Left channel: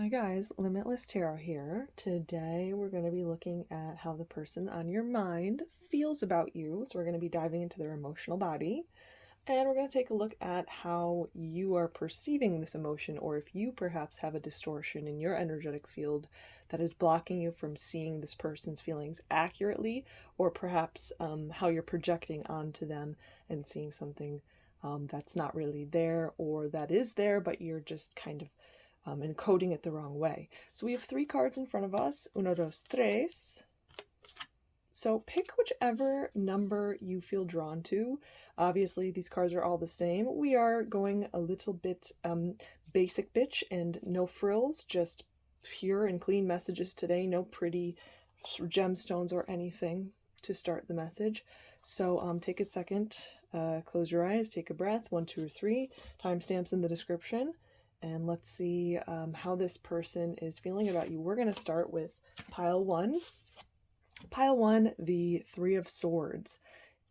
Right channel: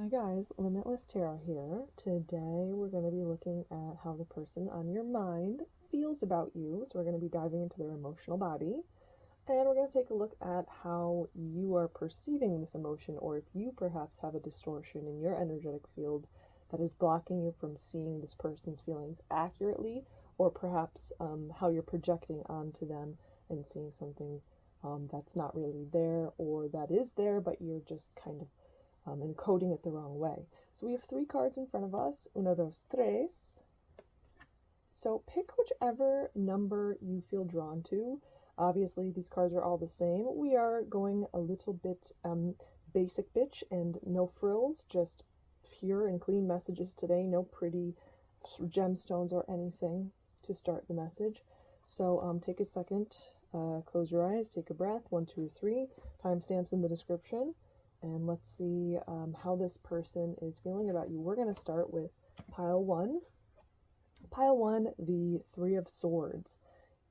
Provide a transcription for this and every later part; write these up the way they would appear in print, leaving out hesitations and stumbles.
Hi guys, Limitless Tarot here. Today we're going to be looking at how the person on your mind feels about you. So we're going to be diving into their emotional body, and we're going to take a look at how you are perceiving this emotion, or if you perhaps have a distortion in your energetic field that is blocking you from seeing this person's feelings accurately, or perhaps how you're projecting onto them and seeing something that's not really there, or that is there but you're just kind of encoding it the wrong way. So we have 3 cards in front of us. Uno, dos, tres. So pick whichever number you feel drawn to. Obviously, these cards are all the same. We are going a little bit basic bitch and no frills, just pure and clean messages today. No pretty gemstones or anything to start the message. So take a second, close your eyes, take a breath. 1, 2, 3. Timestamps in the description. And let's see how this person is feeling about you. We're going to start with pile 1. Pile 1, the 3 of Swords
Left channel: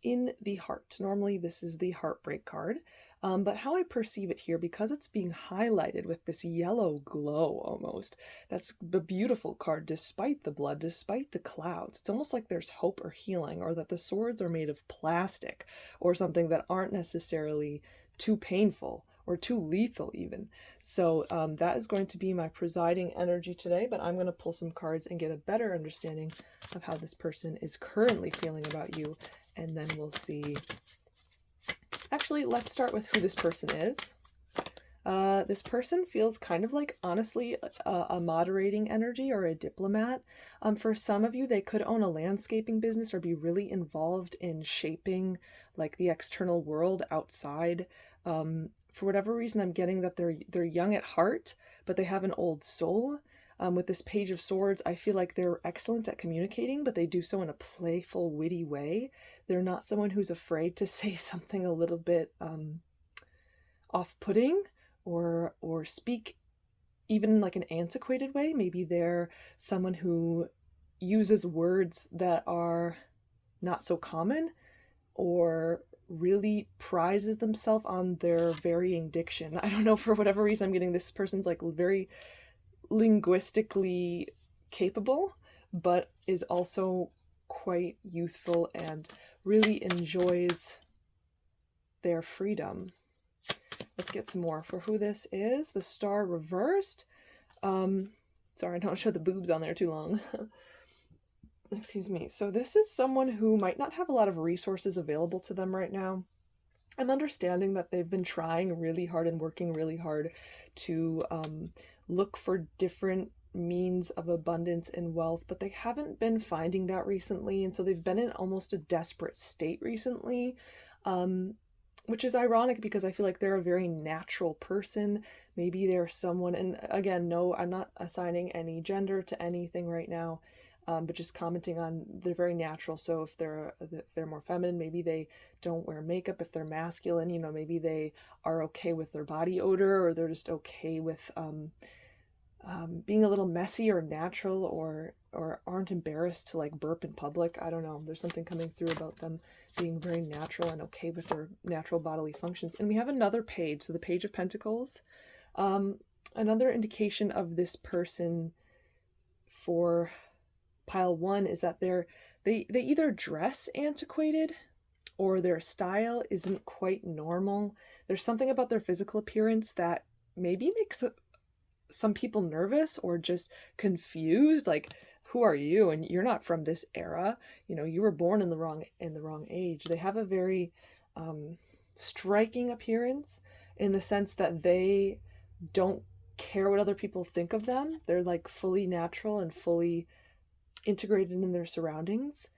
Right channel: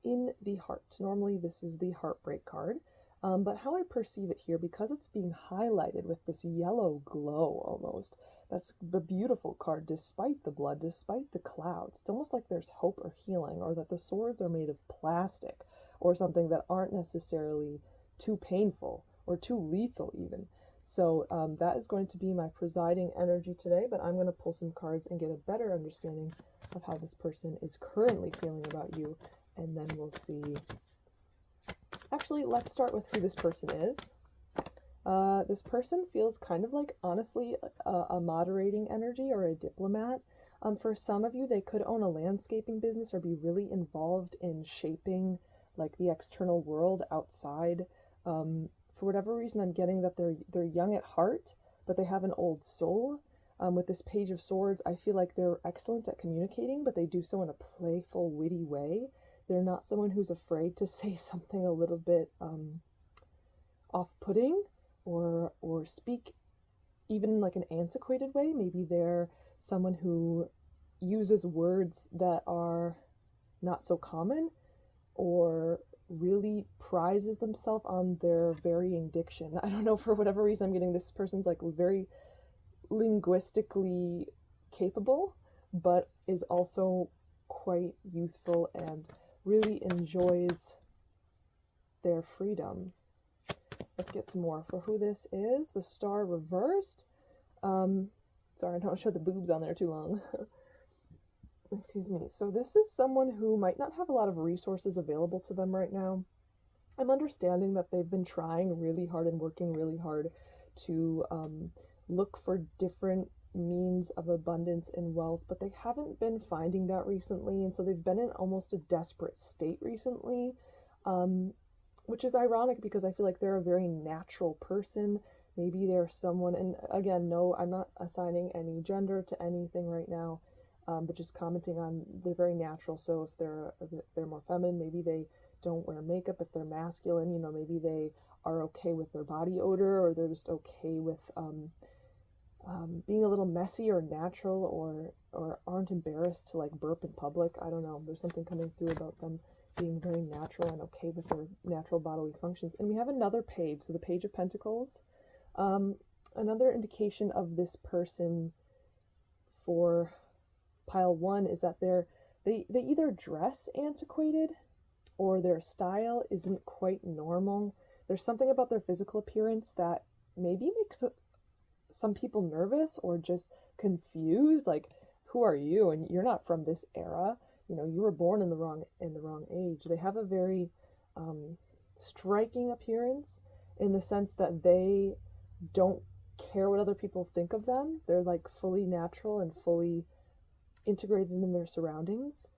in the heart. Normally this is the heartbreak card, but how I perceive it here, because it's being highlighted with this yellow glow almost, that's the beautiful card despite the blood, despite the clouds. It's almost like there's hope or healing, or that the swords are made of plastic or something that aren't necessarily too painful or too lethal even. So that is going to be my presiding energy today, but I'm going to pull some cards and get a better understanding of how this person is currently feeling about you, and then we'll see. Actually, let's start with who this person is. This person feels kind of like, honestly, a moderating energy or a diplomat. For some of you, they could own a landscaping business or be really involved in shaping like the external world outside. For whatever reason, I'm getting that they're young at heart, but they have an old soul. With this Page of Swords, I feel like they're excellent at communicating, but they do so in a playful, witty way. They're not someone who's afraid to say something a little bit off-putting, or speak even in like an antiquated way. Maybe they're someone who uses words that are not so common, or really prizes themselves on their varying diction. I don't know, for whatever reason, I'm getting this person's like very linguistically capable, but is also quite youthful and really enjoys their freedom. Let's get some more for who this is. The Star reversed. Sorry, I don't show the boobs on there too long. Excuse me. So this is someone who might not have a lot of resources available to them right now. I'm understanding that they've been trying really hard and working really hard to look for different means of abundance and wealth, but they haven't been finding that recently, and so they've been in almost a desperate state recently, which is ironic because I feel like they're a very natural person. Maybe they're someone, and again, no, I'm not assigning any gender to anything right now, but just commenting on they're very natural. So if they're more feminine, maybe they don't wear makeup. If they're masculine, you know, maybe they are okay with their body odor, or they're just okay with being a little messy or natural, or aren't embarrassed to like burp in public. I don't know. There's something coming through about them being very natural and okay with their natural bodily functions. And we have another page, so the Page of Pentacles. Another indication of this person for pile 1 is that they either dress antiquated, or their style isn't quite normal. There's something about their physical appearance that maybe makes some people nervous or just confused, like, who are you? And you're not from this era. You know, you were born in the wrong age. They have a very striking appearance in the sense that they don't care what other people think of them. They're like fully natural and fully integrated in their surroundings.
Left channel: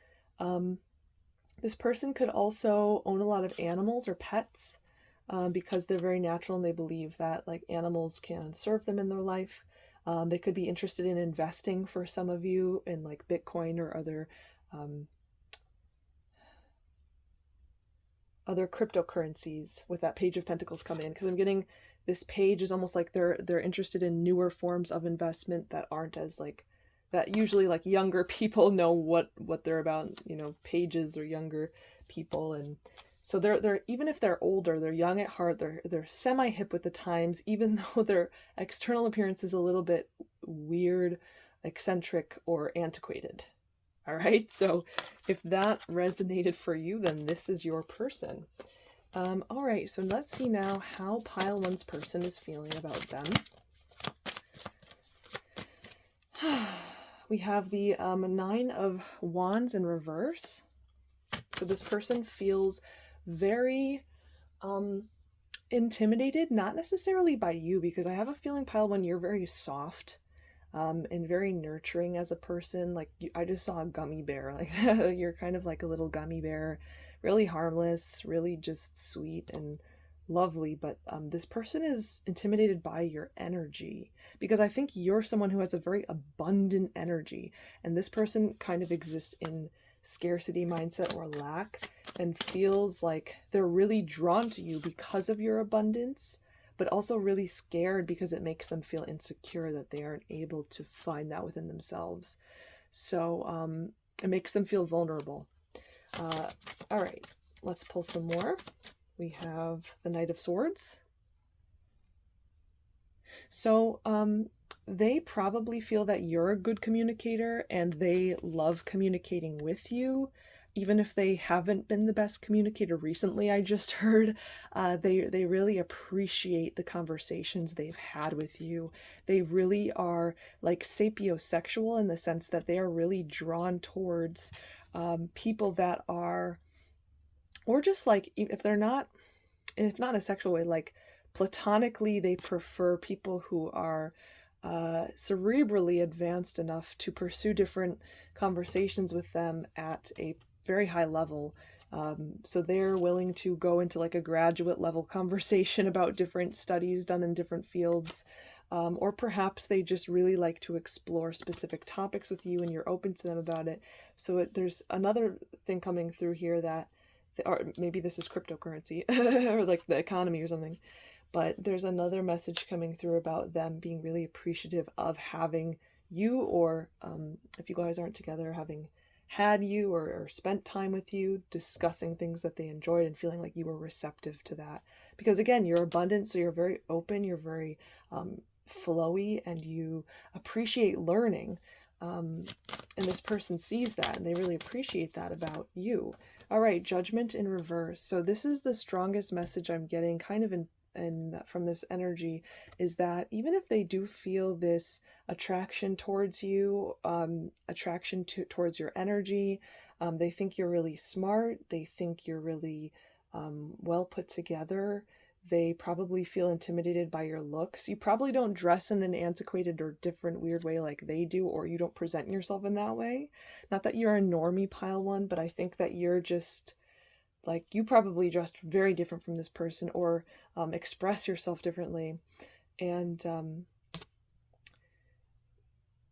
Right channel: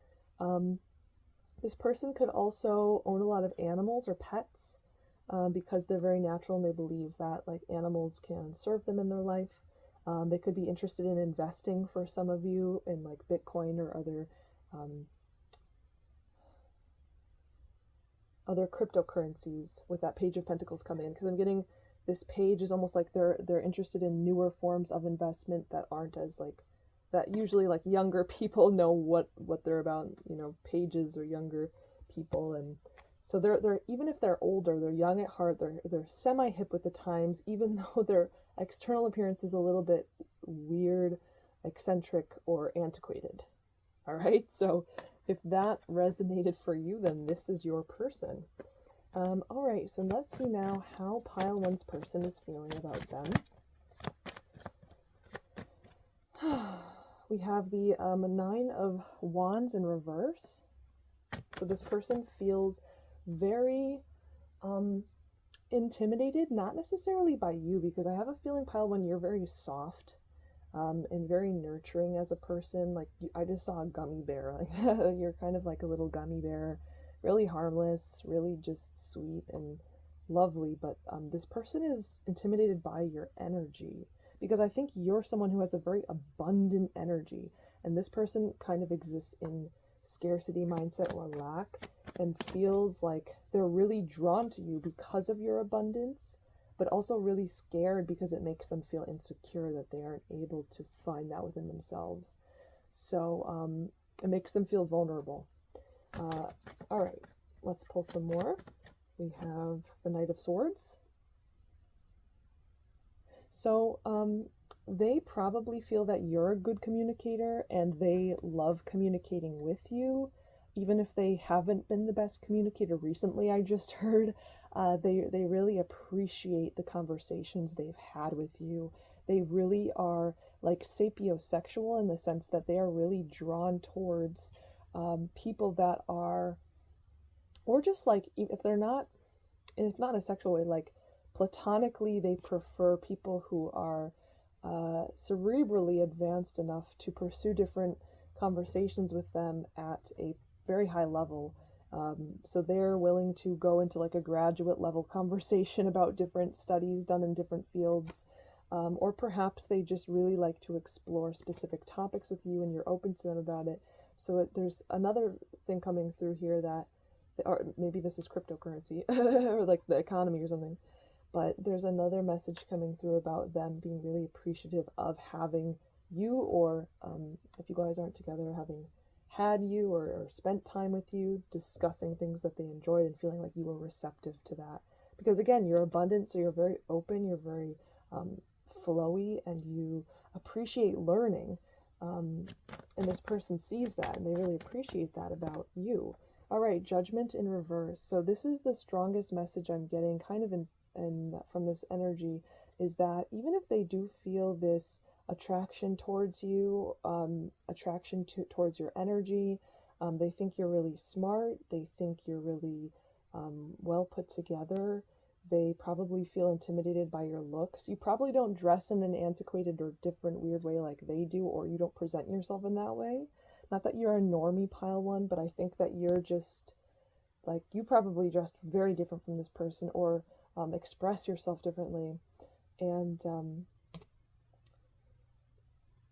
This person could also own a lot of animals or pets, because they're very natural and they believe that like animals can serve them in their life. They could be interested in investing, for some of you, in like Bitcoin or other cryptocurrencies with that Page of Pentacles come in, because I'm getting this page is almost like they're interested in newer forms of investment that aren't as like that. Usually like younger people know what they're about, you know, pages or younger people, and So they're even if they're older, they're young at heart, they're semi-hip with the times, even though their external appearance is a little bit weird, eccentric, or antiquated. All right, so if that resonated for you, then this is your person. All right, so let's see now how pile one's person is feeling about them. We have the Nine of Wands in reverse. So this person feels very intimidated, not necessarily by you, because I have a feeling, pile one, you're very soft and very nurturing as a person. Like I just saw a gummy bear, like you're kind of like a little gummy bear, really harmless, really just sweet and lovely. But this person is intimidated by your energy, because I think you're someone who has a very abundant energy, and this person kind of exists in scarcity mindset or lack, and feels like they're really drawn to you because of your abundance, but also really scared because it makes them feel insecure that they aren't able to find that within themselves. So it makes them feel vulnerable. All right, let's pull some more. We have the Knight of Swords. So they probably feel that you're a good communicator, and they love communicating with you, even if they haven't been the best communicator recently. I just heard they really appreciate the conversations they've had with you. They really are like sapiosexual, in the sense that they are really drawn towards people that are, or just like, if they're not, if not in a sexual way, like platonically, they prefer people who are cerebrally advanced enough to pursue different conversations with them at a very high level. So they're willing to go into like a graduate level conversation about different studies done in different fields. Or perhaps they just really like to explore specific topics with you, and you're open to them about it. So there's another thing coming through here that, or maybe this is cryptocurrency or like the economy or something, but there's another message coming through about them being really appreciative of having you, or if you guys aren't together, having had you or spent time with you, discussing things that they enjoyed and feeling like you were receptive to that. Because again, you're abundant, so you're very open, you're very flowy, and you appreciate learning. And this person sees that, and they really appreciate that about you. All right, Judgment in reverse. So this is the strongest message I'm getting kind of in from this energy, is that even if they do feel this attraction towards you, attraction towards your energy, they think you're really smart, they think you're really well put together, they probably feel intimidated by your looks. You probably don't dress in an antiquated or different weird way like they do, or you don't present yourself in that way. Not that you're a normie, pile one, but I think that you're just like, you probably dressed very different from this person, or express yourself differently. And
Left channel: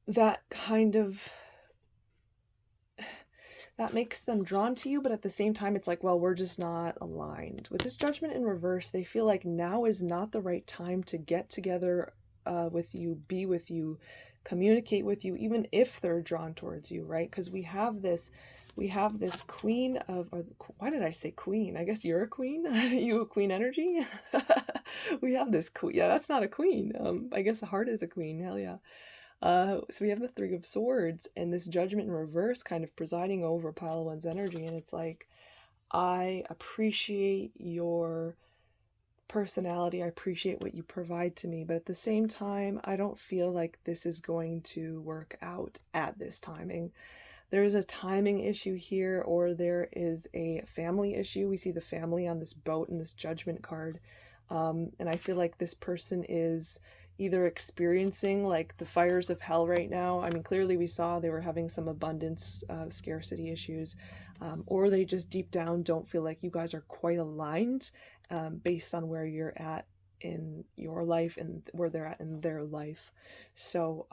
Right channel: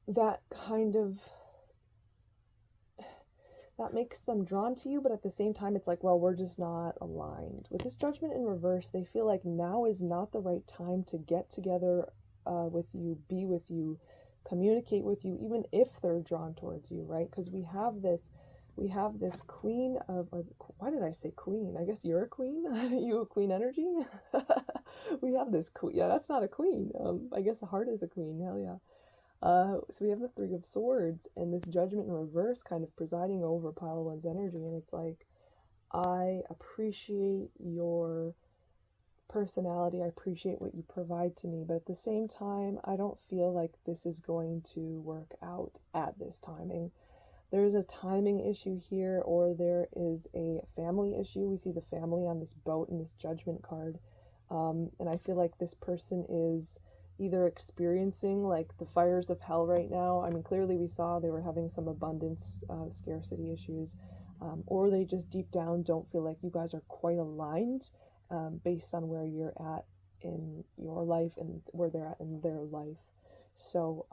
that kind of, that makes them drawn to you, but at the same time, it's like, well, we're just not aligned. With this Judgment in reverse, they feel like now is not the right time to get together with you, be with you, communicate with you, even if they're drawn towards you, right? Because we have this queen of, or why did I say queen? I guess you're a queen. You a queen energy. We have this queen. Yeah, that's not a queen. I guess the heart is a queen. Hell yeah. So we have the Three of Swords, and this Judgment in reverse kind of presiding over pile one's energy. And it's like, I appreciate your personality, I appreciate what you provide to me, but at the same time, I don't feel like this is going to work out at this timing. There is a timing issue here, or there is a family issue. We see the family on this boat in this Judgment card. And I feel like this person is either experiencing like the fires of hell right now. I mean, clearly we saw they were having some abundance scarcity issues, or they just deep down don't feel like you guys are quite aligned based on where you're at in your life and where they're at in their life. So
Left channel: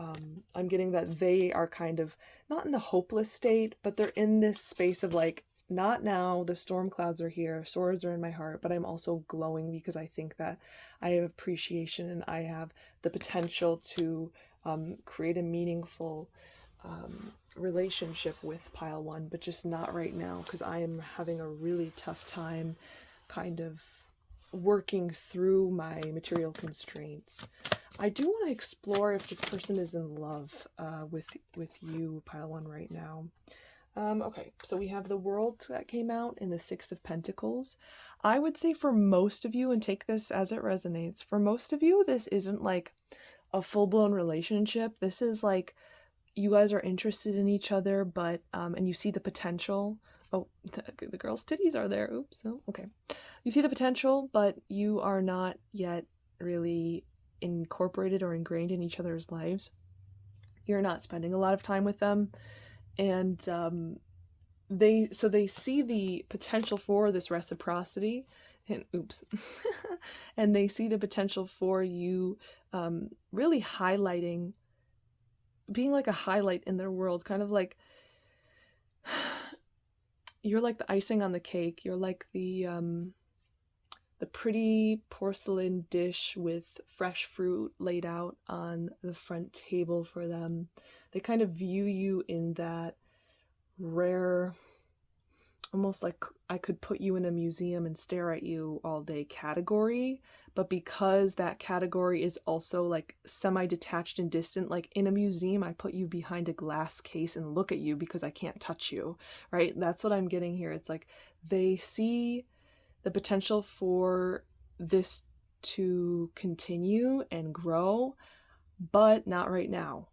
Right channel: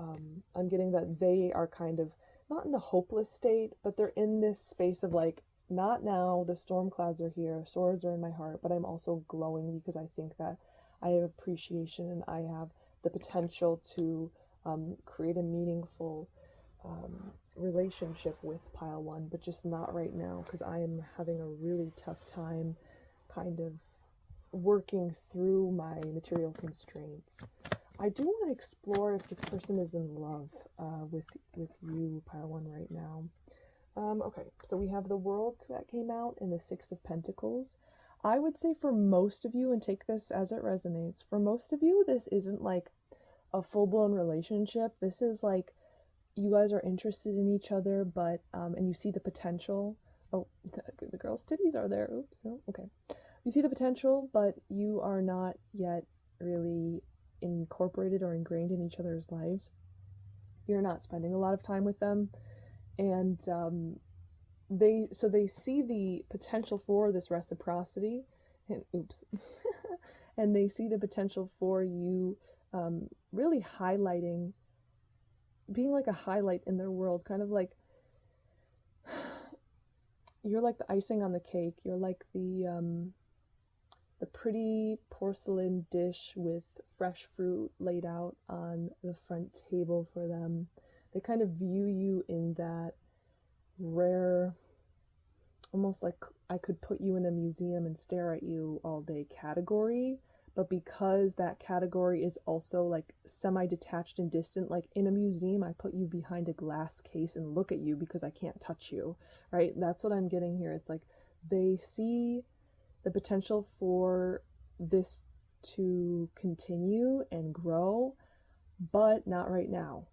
I'm getting that they are kind of not in a hopeless state, but they're in this space of like, not now, the storm clouds are here, swords are in my heart, but I'm also glowing because I think that I have appreciation and I have the potential to create a meaningful relationship with pile one, but just not right now, because I am having a really tough time kind of working through my material constraints. I do want to explore if this person is in love with you, pile one, right now. Okay, so we have the World that came out in the Six of Pentacles. I would say for most of you, and take this as it resonates, for most of you, this isn't like a full-blown relationship. This is like you guys are interested in each other, but and you see the potential. Oh, the girl's titties are there. Oops. Oh, okay. You see the potential, but you are not yet really incorporated or ingrained in each other's lives. You're not spending a lot of time with them, and they see the potential for this reciprocity, and oops, and they see the potential for you really highlighting, being like a highlight in their world, kind of like you're like the icing on the cake. You're like the pretty porcelain dish with fresh fruit laid out on the front table for them. They kind of view you in that rare, almost like I could put you in a museum and stare at you all day category, but because that category is also like semi-detached and distant, like in a museum I put you behind a glass case and look at you because I can't touch you, right? That's what I'm getting here. It's like they see the potential for this to continue and grow, but not right now,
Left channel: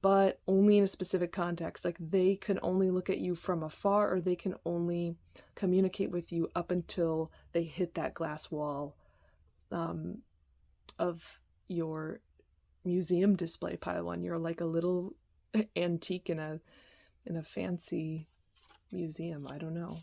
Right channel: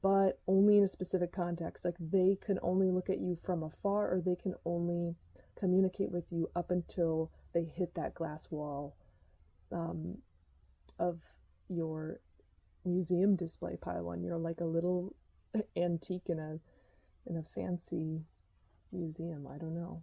but only in a specific context. Like they can only look at you from afar, or they can only communicate with you up until they hit that glass wall of your museum display, pile one. You're like a little antique in a fancy museum. I don't know.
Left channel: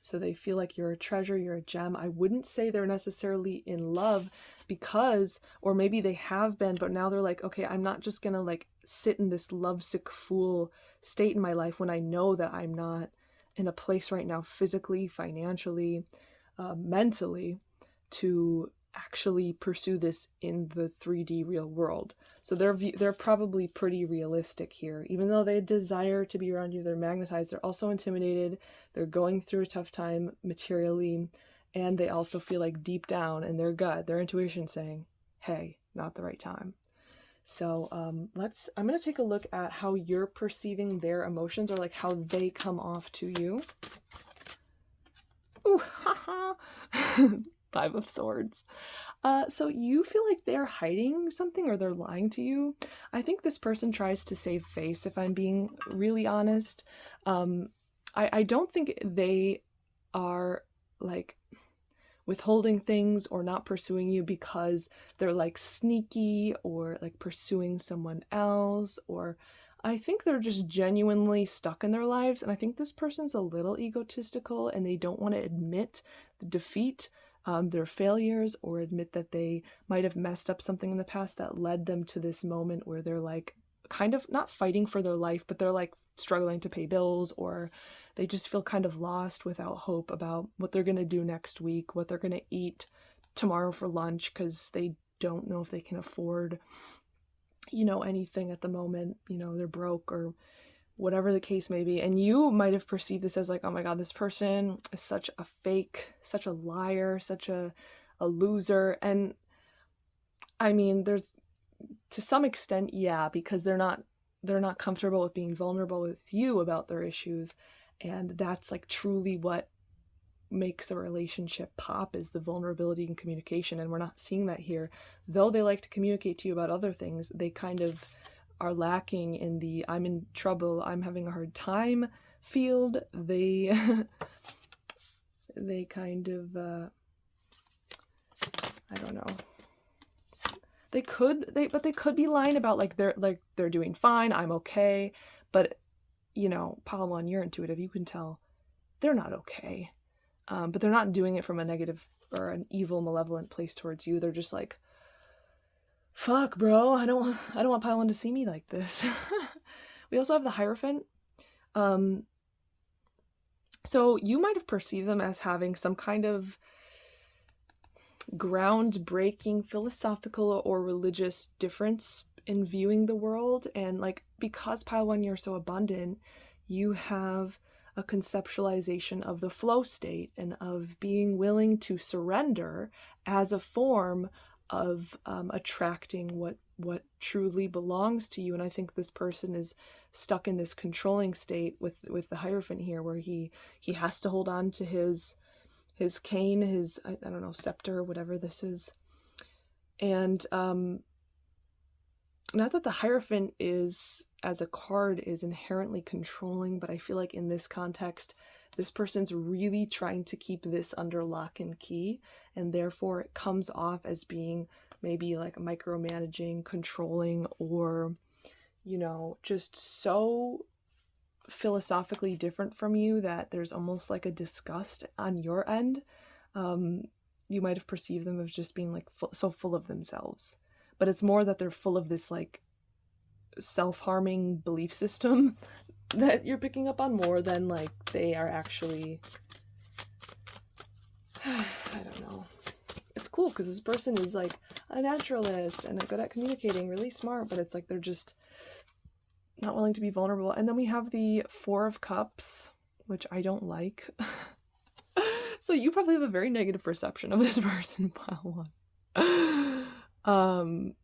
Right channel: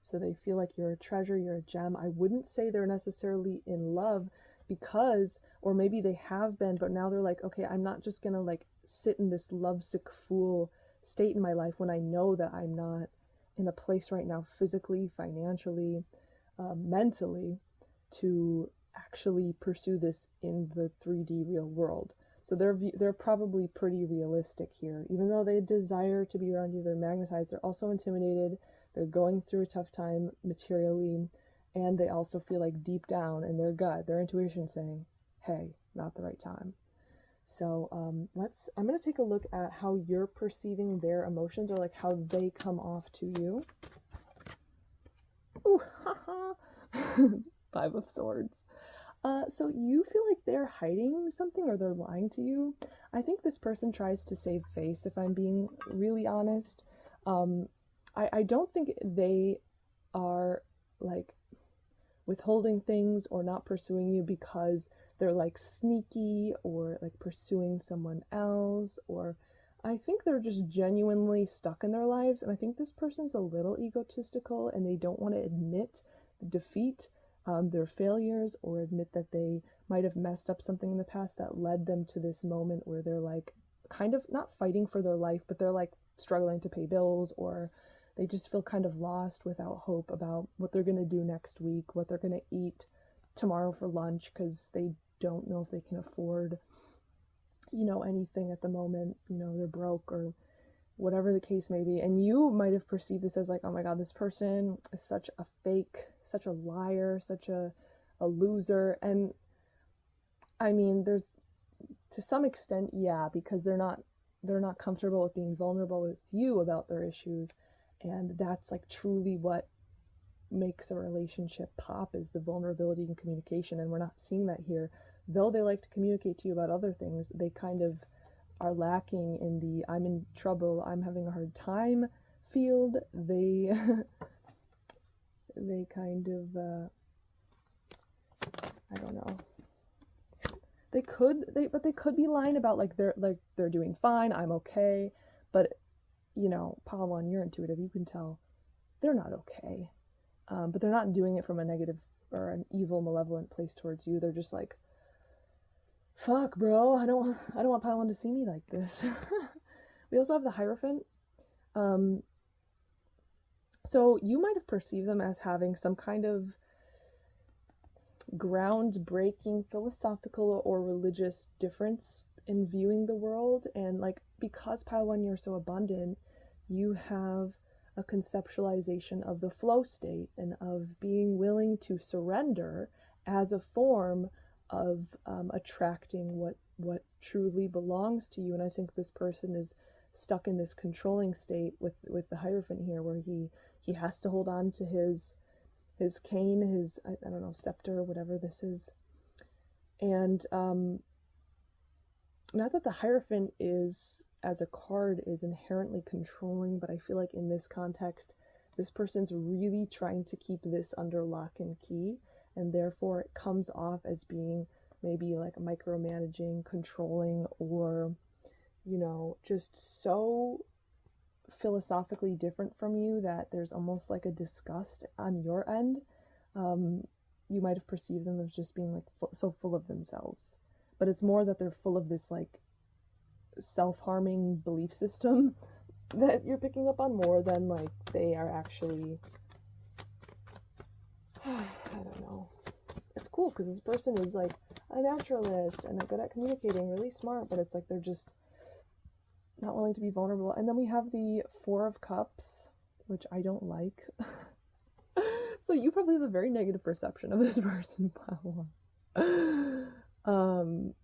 So they feel like you're a treasure, you're a gem. I wouldn't say they're necessarily in love because, or maybe they have been, but now they're like, okay, I'm not just gonna like sit in this lovesick fool state in my life when I know that I'm not in a place right now physically, financially, mentally to actually pursue this in the 3D real world. So they're probably pretty realistic here. Even though they desire to be around you, they're magnetized, they're also intimidated, they're going through a tough time materially, and they also feel like deep down in their gut, their intuition saying, hey, not the right time. So I'm going to take a look at how you're perceiving their emotions, or like how they come off to you. Ooh, haha. Five of Swords. So you feel like they're hiding something, or they're lying to you. I think this person tries to save face, if I'm being really honest. I don't think they are like withholding things or not pursuing you because they're like sneaky or like pursuing someone else, or I think they're just genuinely stuck in their lives. And I think this person's a little egotistical and they don't want to admit the defeat, their failures, or admit that they might have messed up something in the past that led them to this moment where they're like kind of not fighting for their life, but they're like struggling to pay bills, or they just feel kind of lost without hope about what they're going to do next week, what they're going to eat tomorrow for lunch, because they don't know if they can afford, anything at the moment. They're broke or whatever the case may be. And you might have perceived this as like, oh my God, this person is such a fake, such a liar, such a loser. And I mean, there's to some extent, yeah, because they're not comfortable with being vulnerable with you about their issues. And that's like truly what makes a relationship pop, is the vulnerability and communication. And we're not seeing that here. Though they like to communicate to you about other things, they kind of are lacking in the I'm in trouble, I'm having a hard time field. They kind of I don't know. They could be lying about like they're doing fine, I'm okay, but pile one, you're intuitive, you can tell they're not okay. But they're not doing it from a negative or an evil, malevolent place towards you. They're just like, fuck, bro, I don't want pile one to see me like this. We also have the Hierophant. So you might have perceived them as having some kind of groundbreaking philosophical or religious difference in viewing the world. And like, because pile 1, you're so abundant, you have a conceptualization of the flow state and of being willing to surrender as a form of attracting what truly belongs to you. And I think this person is stuck in this controlling state with the Hierophant here, where he has to hold on to his cane, his, I don't know, scepter, whatever this is. And not that the Hierophant is, as a card, is inherently controlling, but I feel like in this context, this person's really trying to keep this under lock and key, and therefore it comes off as being maybe like micromanaging, controlling, or, you know, just so philosophically different from you that there's almost like a disgust on your end. You might have perceived them as just being like so full of themselves, but it's more that they're full of this like self-harming belief system that you're picking up on, more than like they are actually, I don't know. It's cool because this person is like a naturalist and good at communicating, really smart, but it's like they're just not willing to be vulnerable. And then we have the 4 of Cups, which I don't like. So you probably have a very negative perception of this person, pile 1.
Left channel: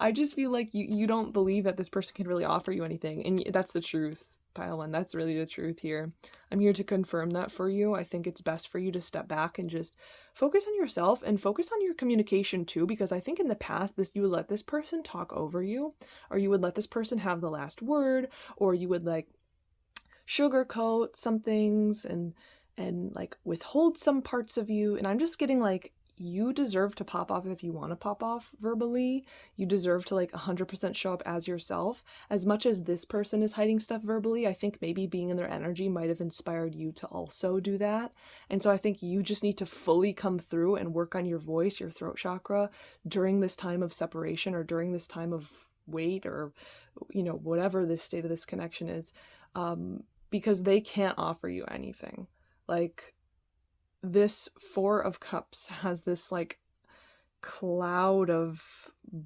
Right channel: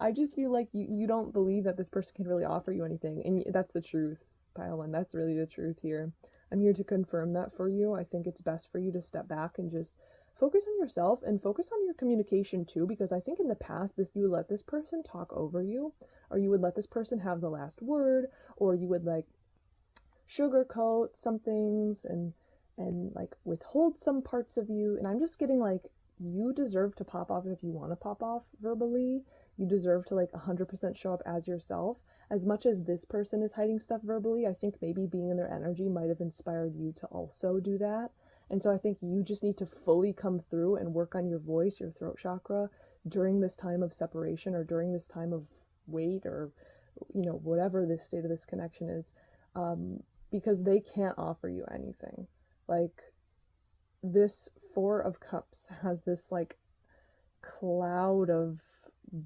I just feel like you don't believe that this person can really offer you anything, and that's the truth, pile 1. That's really the truth here. I'm here to confirm that for you. I think it's best for you to step back and just focus on yourself and focus on your communication too, because I think in the past you would let this person talk over you, or you would let this person have the last word, or you would like sugarcoat some things and like withhold some parts of you. And I'm just getting like, you deserve to pop off if you want to pop off verbally. You deserve to like 100% show up as yourself. As much as this person is hiding stuff verbally, I think maybe being in their energy might have inspired you to also do that. And so I think you just need to fully come through and work on your voice, your throat chakra during this time of separation, or during this time of wait, or, you know, whatever the state of this connection is, because they can't offer you anything. Like, this 4 of Cups has this like cloud of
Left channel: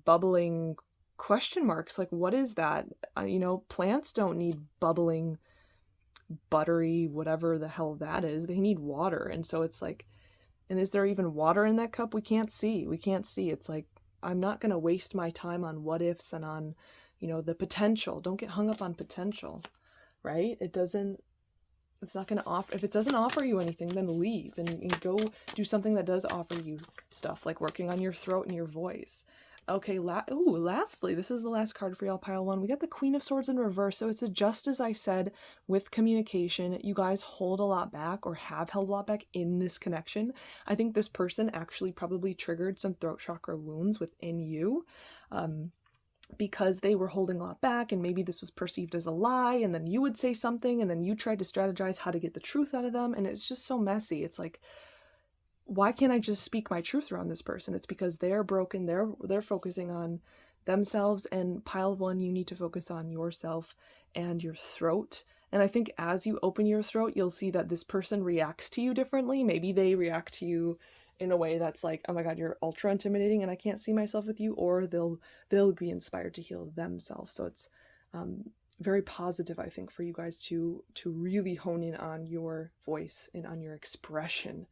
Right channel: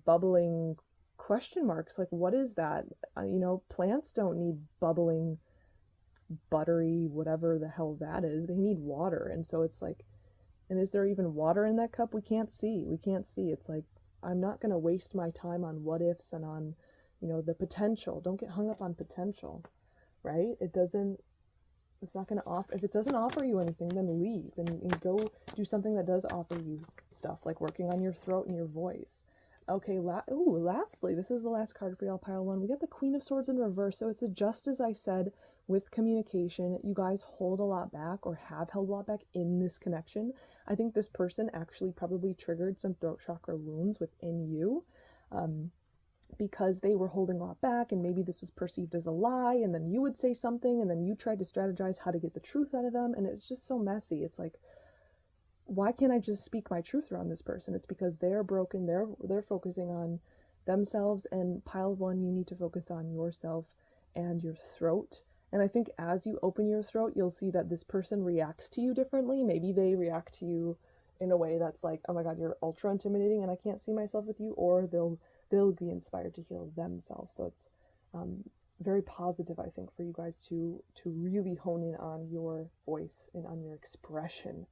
bubbling question marks. Like, what is that? You know, plants don't need bubbling, buttery, whatever the hell that is. They need water. And so it's like, and is there even water in that cup? We can't see. It's like, I'm not going to waste my time on what ifs and on, you know, the potential. Don't get hung up on potential, right? It's not going to offer, if it doesn't offer you anything, then leave and go do something that does offer you stuff, like working on your throat and your voice. Okay, lastly, this is the last card for y'all, pile 1. We got the Queen of Swords in reverse, so it's just as I said with communication. You guys hold a lot back, or have held a lot back in this connection. I think this person actually probably triggered some throat chakra wounds within you, because they were holding a lot back, and maybe this was perceived as a lie, and then you would say something, and then you tried to strategize how to get the truth out of them, and it's just so messy. It's like, why can't I just speak my truth around this person? It's because they're broken, they're focusing on themselves, and pile 1, you need to focus on yourself and your throat. And I think as you open your throat, you'll see that this person reacts to you differently. Maybe they react to you in a way that's like, oh my god, you're ultra intimidating and I can't see myself with you, or they'll be inspired to heal themselves. So it's very positive, I think, for you guys to really hone in on your voice and on your expression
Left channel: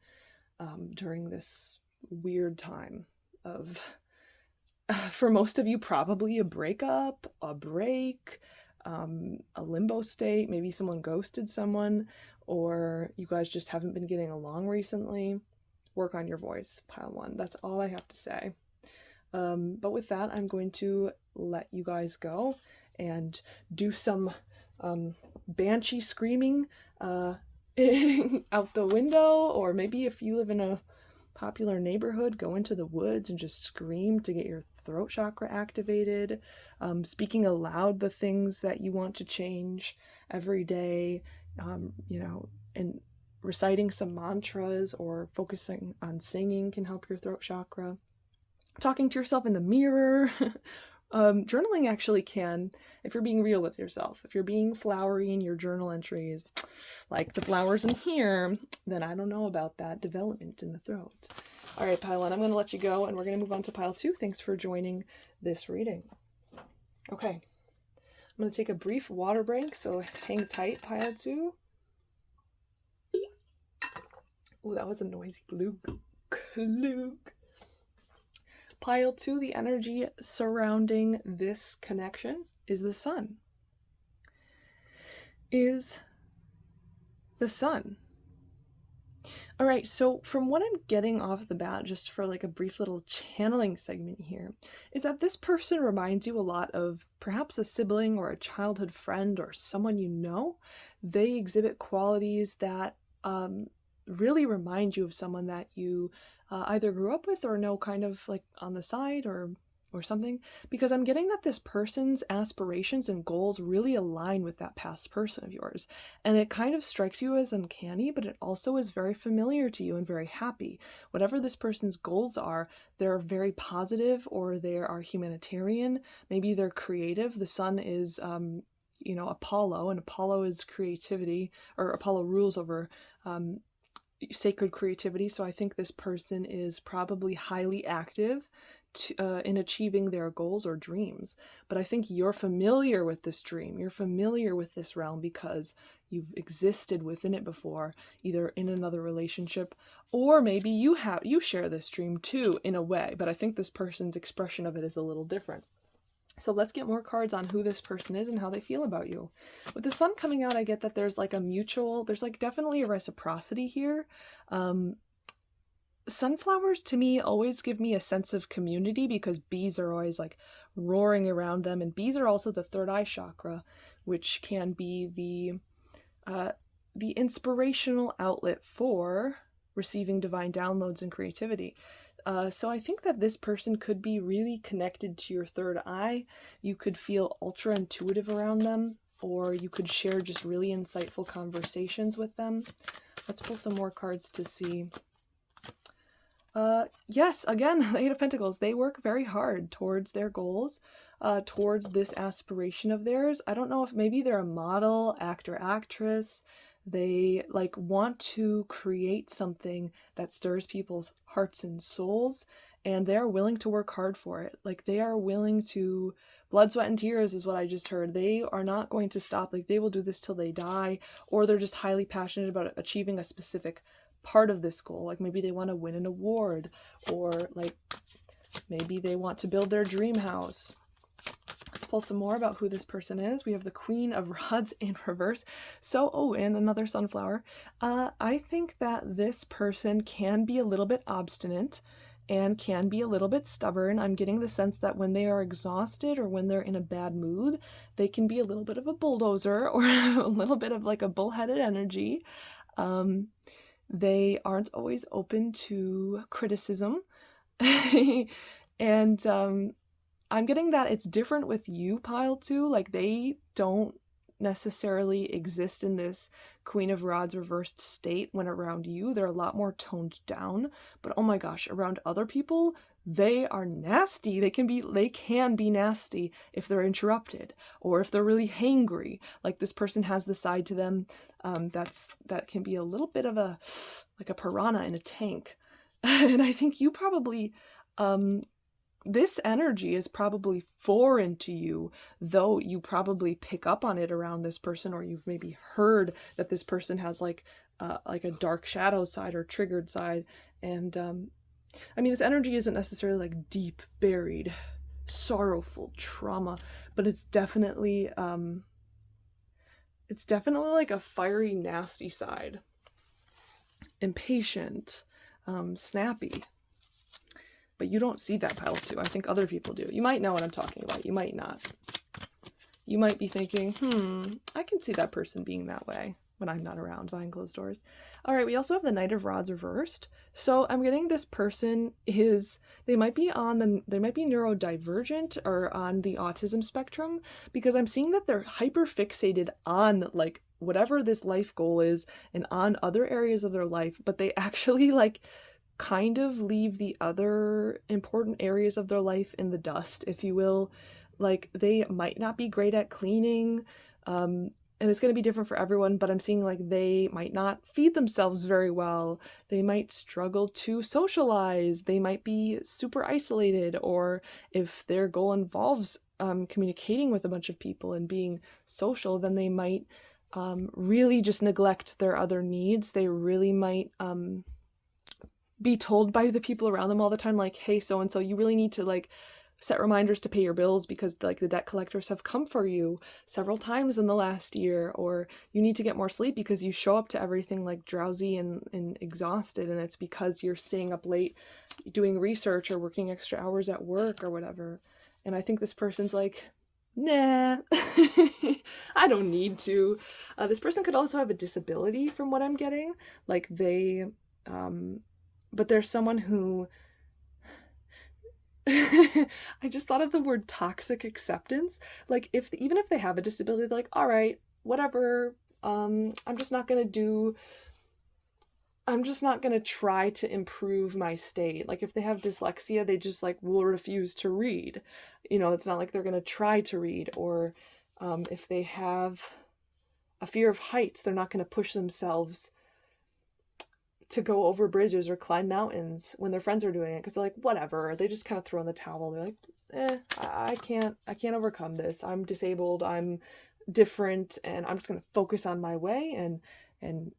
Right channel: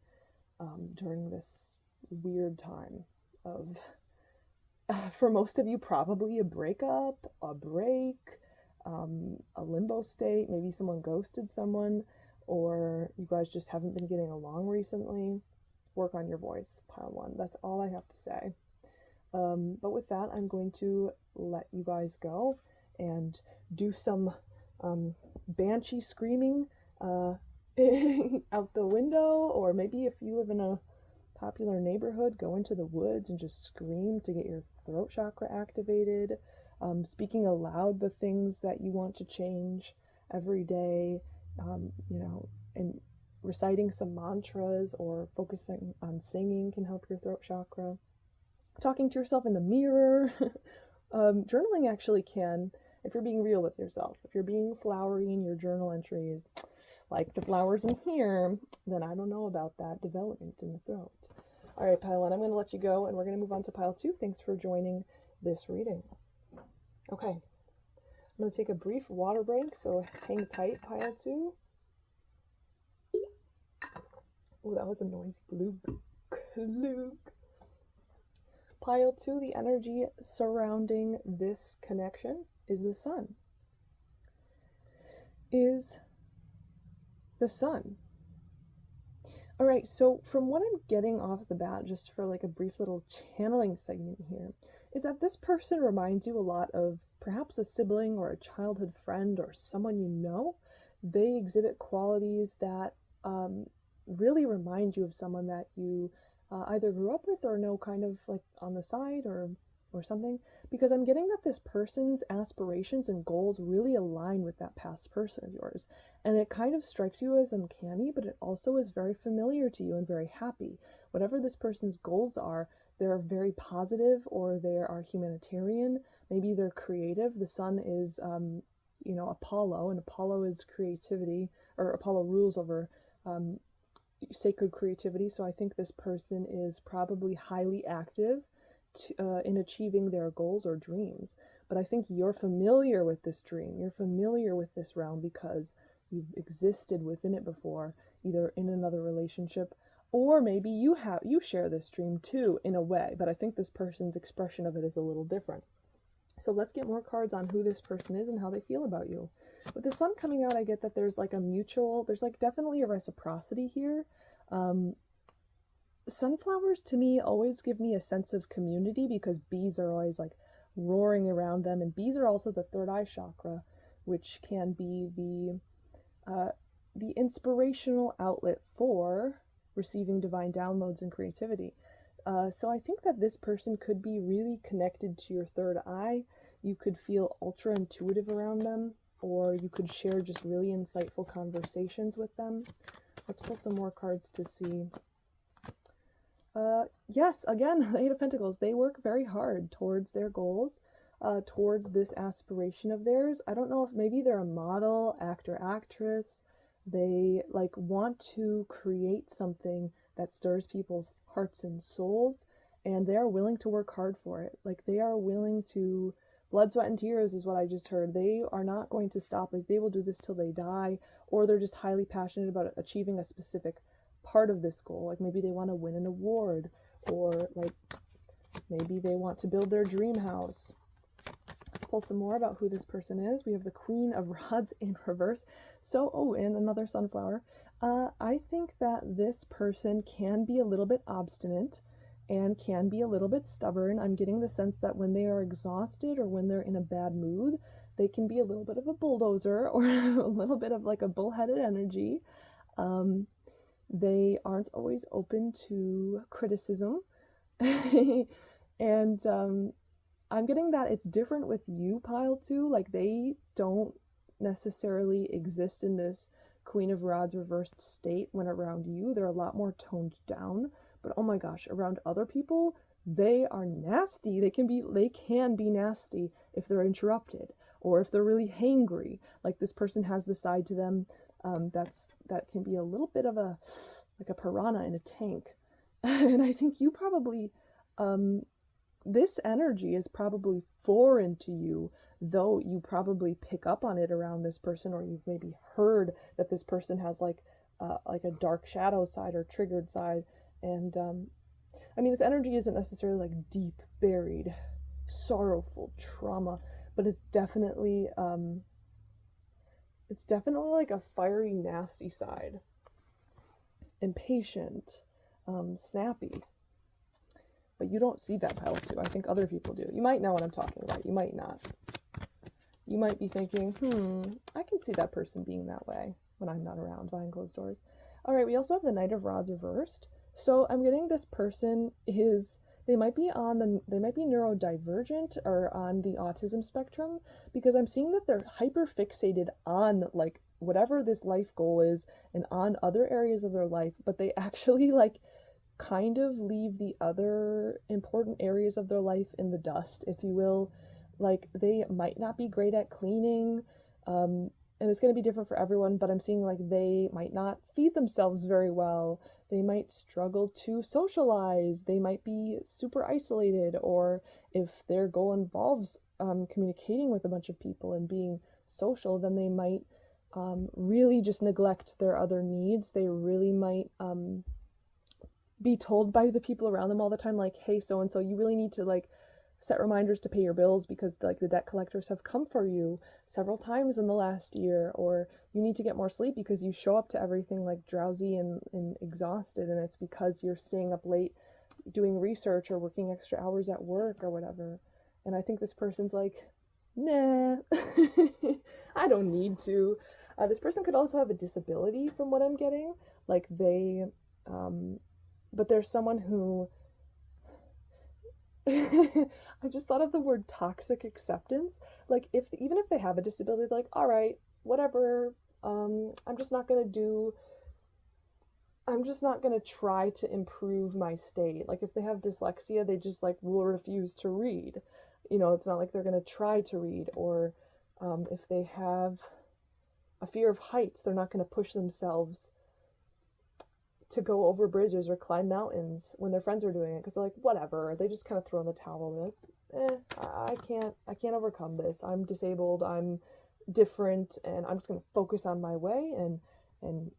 during this weird time of, for most of you, probably a breakup, a break, a limbo state. Maybe someone ghosted someone, or you guys just haven't been getting along recently. Work on your voice, pile 1. That's all I have to say. But with that, I'm going to let you guys go and do some banshee screaming out the window, or maybe if you live in a popular neighborhood, go into the woods and just scream to get your throat chakra activated, speaking aloud the things that you want to change every day, you know, and reciting some mantras or focusing on singing can help your throat chakra. Talking to yourself in the mirror. Journaling actually can, if you're being real with yourself. If you're being flowery in your journal entries, like the flowers in here, then I don't know about that development in the throat. All right, pile 1, I'm going to let you go, and we're going to move on to pile 2. Thanks for joining this reading. Okay, I'm going to take a brief water break, so hang tight, pile 2. Oh, that was a noisy klug. Pile 2, the energy surrounding this connection is the sun. All right, so from what I'm getting off the bat, just for like a brief little channeling segment here, is that this person reminds you a lot of perhaps a sibling or a childhood friend or someone you know. They exhibit qualities that really remind you of someone that you either grew up with or know kind of like on the side or something, because I'm getting that this person's aspirations and goals really align with that past person of yours. And it kind of strikes you as uncanny, but it also is very familiar to you and very happy. Whatever this person's goals are, they're very positive, or they are humanitarian. Maybe they're creative. The sun is, Apollo, and Apollo is creativity, or Apollo rules over sacred creativity. So I think this person is probably highly active in achieving their goals or dreams. But I think you're familiar with this dream. You're familiar with this realm because you've existed within it before, either in another relationship, or maybe you share this dream too in a way. But I think this person's expression of it is a little different. So let's get more cards on who this person is and how they feel about you. With the sun coming out, I get that there's like there's like definitely a reciprocity here. Sunflowers to me always give me a sense of community because bees are always like roaring around them, and bees are also the third eye chakra, which can be the inspirational outlet for receiving divine downloads and creativity. So I think that this person could be really connected to your third eye. You could feel ultra intuitive around them, or you could share just really insightful conversations with them. Let's pull some more cards to see. Yes, again, the Eight of Pentacles, they work very hard towards their goals, towards this aspiration of theirs. I don't know if maybe they're a model, actor, actress. They like want to create something that stirs people's hearts and souls, and they are willing to work hard for it. Like they are willing to, blood, sweat, and tears is what I just heard. They are not going to stop. Like they will do this till they die, or they're just highly passionate about achieving a specific part of this goal. Like maybe they want to win an award, or like maybe they want to build their dream house. Let's pull some more about who this person is. We have the Queen of Rods in reverse. So, and another sunflower. I think that this person can be a little bit obstinate and can be a little bit stubborn. I'm getting the sense that when they are exhausted or when they're in a bad mood, they can be a little bit of a bulldozer or a little bit of like a bullheaded energy. They aren't always open to criticism. And I'm getting that it's different with you, pile 2. Like they don't necessarily exist in this Queen of Rods reversed state when around you. They're a lot more toned down. But oh my gosh, around other people, they are nasty. They can be nasty if they're interrupted, or if they're really hangry. Like this person has the side to them that can be a little bit of a piranha in a tank. And I think you probably this energy is probably foreign to you, though you probably pick up on it around this person, or you've maybe heard that this person has like a dark shadow side or triggered side. And I mean, this energy isn't necessarily like deep buried sorrowful trauma, but it's definitely like a fiery, nasty side. Impatient, snappy. But you don't see that, pile 2. I think other people do. You might know what I'm talking about. You might not. You might be thinking, I can see that person being that way when I'm not around behind closed doors. All right, we also have the Knight of Rods reversed. So I'm getting this person they might be neurodivergent or on the autism spectrum, because I'm seeing that they're hyper fixated on like whatever this life goal is and on other areas of their life, but they actually like kind of leave the other important areas of their life in the dust, if you will. Like they might not be great at cleaning. and it's going to be different for everyone, but I'm seeing like they might not feed themselves very well. They might struggle to socialize. They might be super isolated, or if their goal involves communicating with a bunch of people and being social, then they might really just neglect their other needs. They really might be told by the people around them all the time, like, hey, so and so, you really need to like set reminders to pay your bills because like the debt collectors have come for you several times in the last year, or you need to get more sleep because you show up to everything like drowsy and exhausted, and it's because you're staying up late doing research or working extra hours at work or whatever. And I think this person's like, nah, I don't need to. This person could also have a disability from what I'm getting, like they but there's someone who I just thought of the word toxic acceptance. Like even if they have a disability, they're like, all right, whatever. I'm just not gonna try to improve my state. Like if they have dyslexia, they just like will refuse to read. It's not like they're gonna try to read. Or if they have a fear of heights, they're not gonna push themselves to go over bridges or climb mountains when their friends are doing it, because they're like, whatever. They just kind of throw in the towel. They're like, I can't overcome this. I'm disabled. I'm different, and I'm just gonna focus on my way and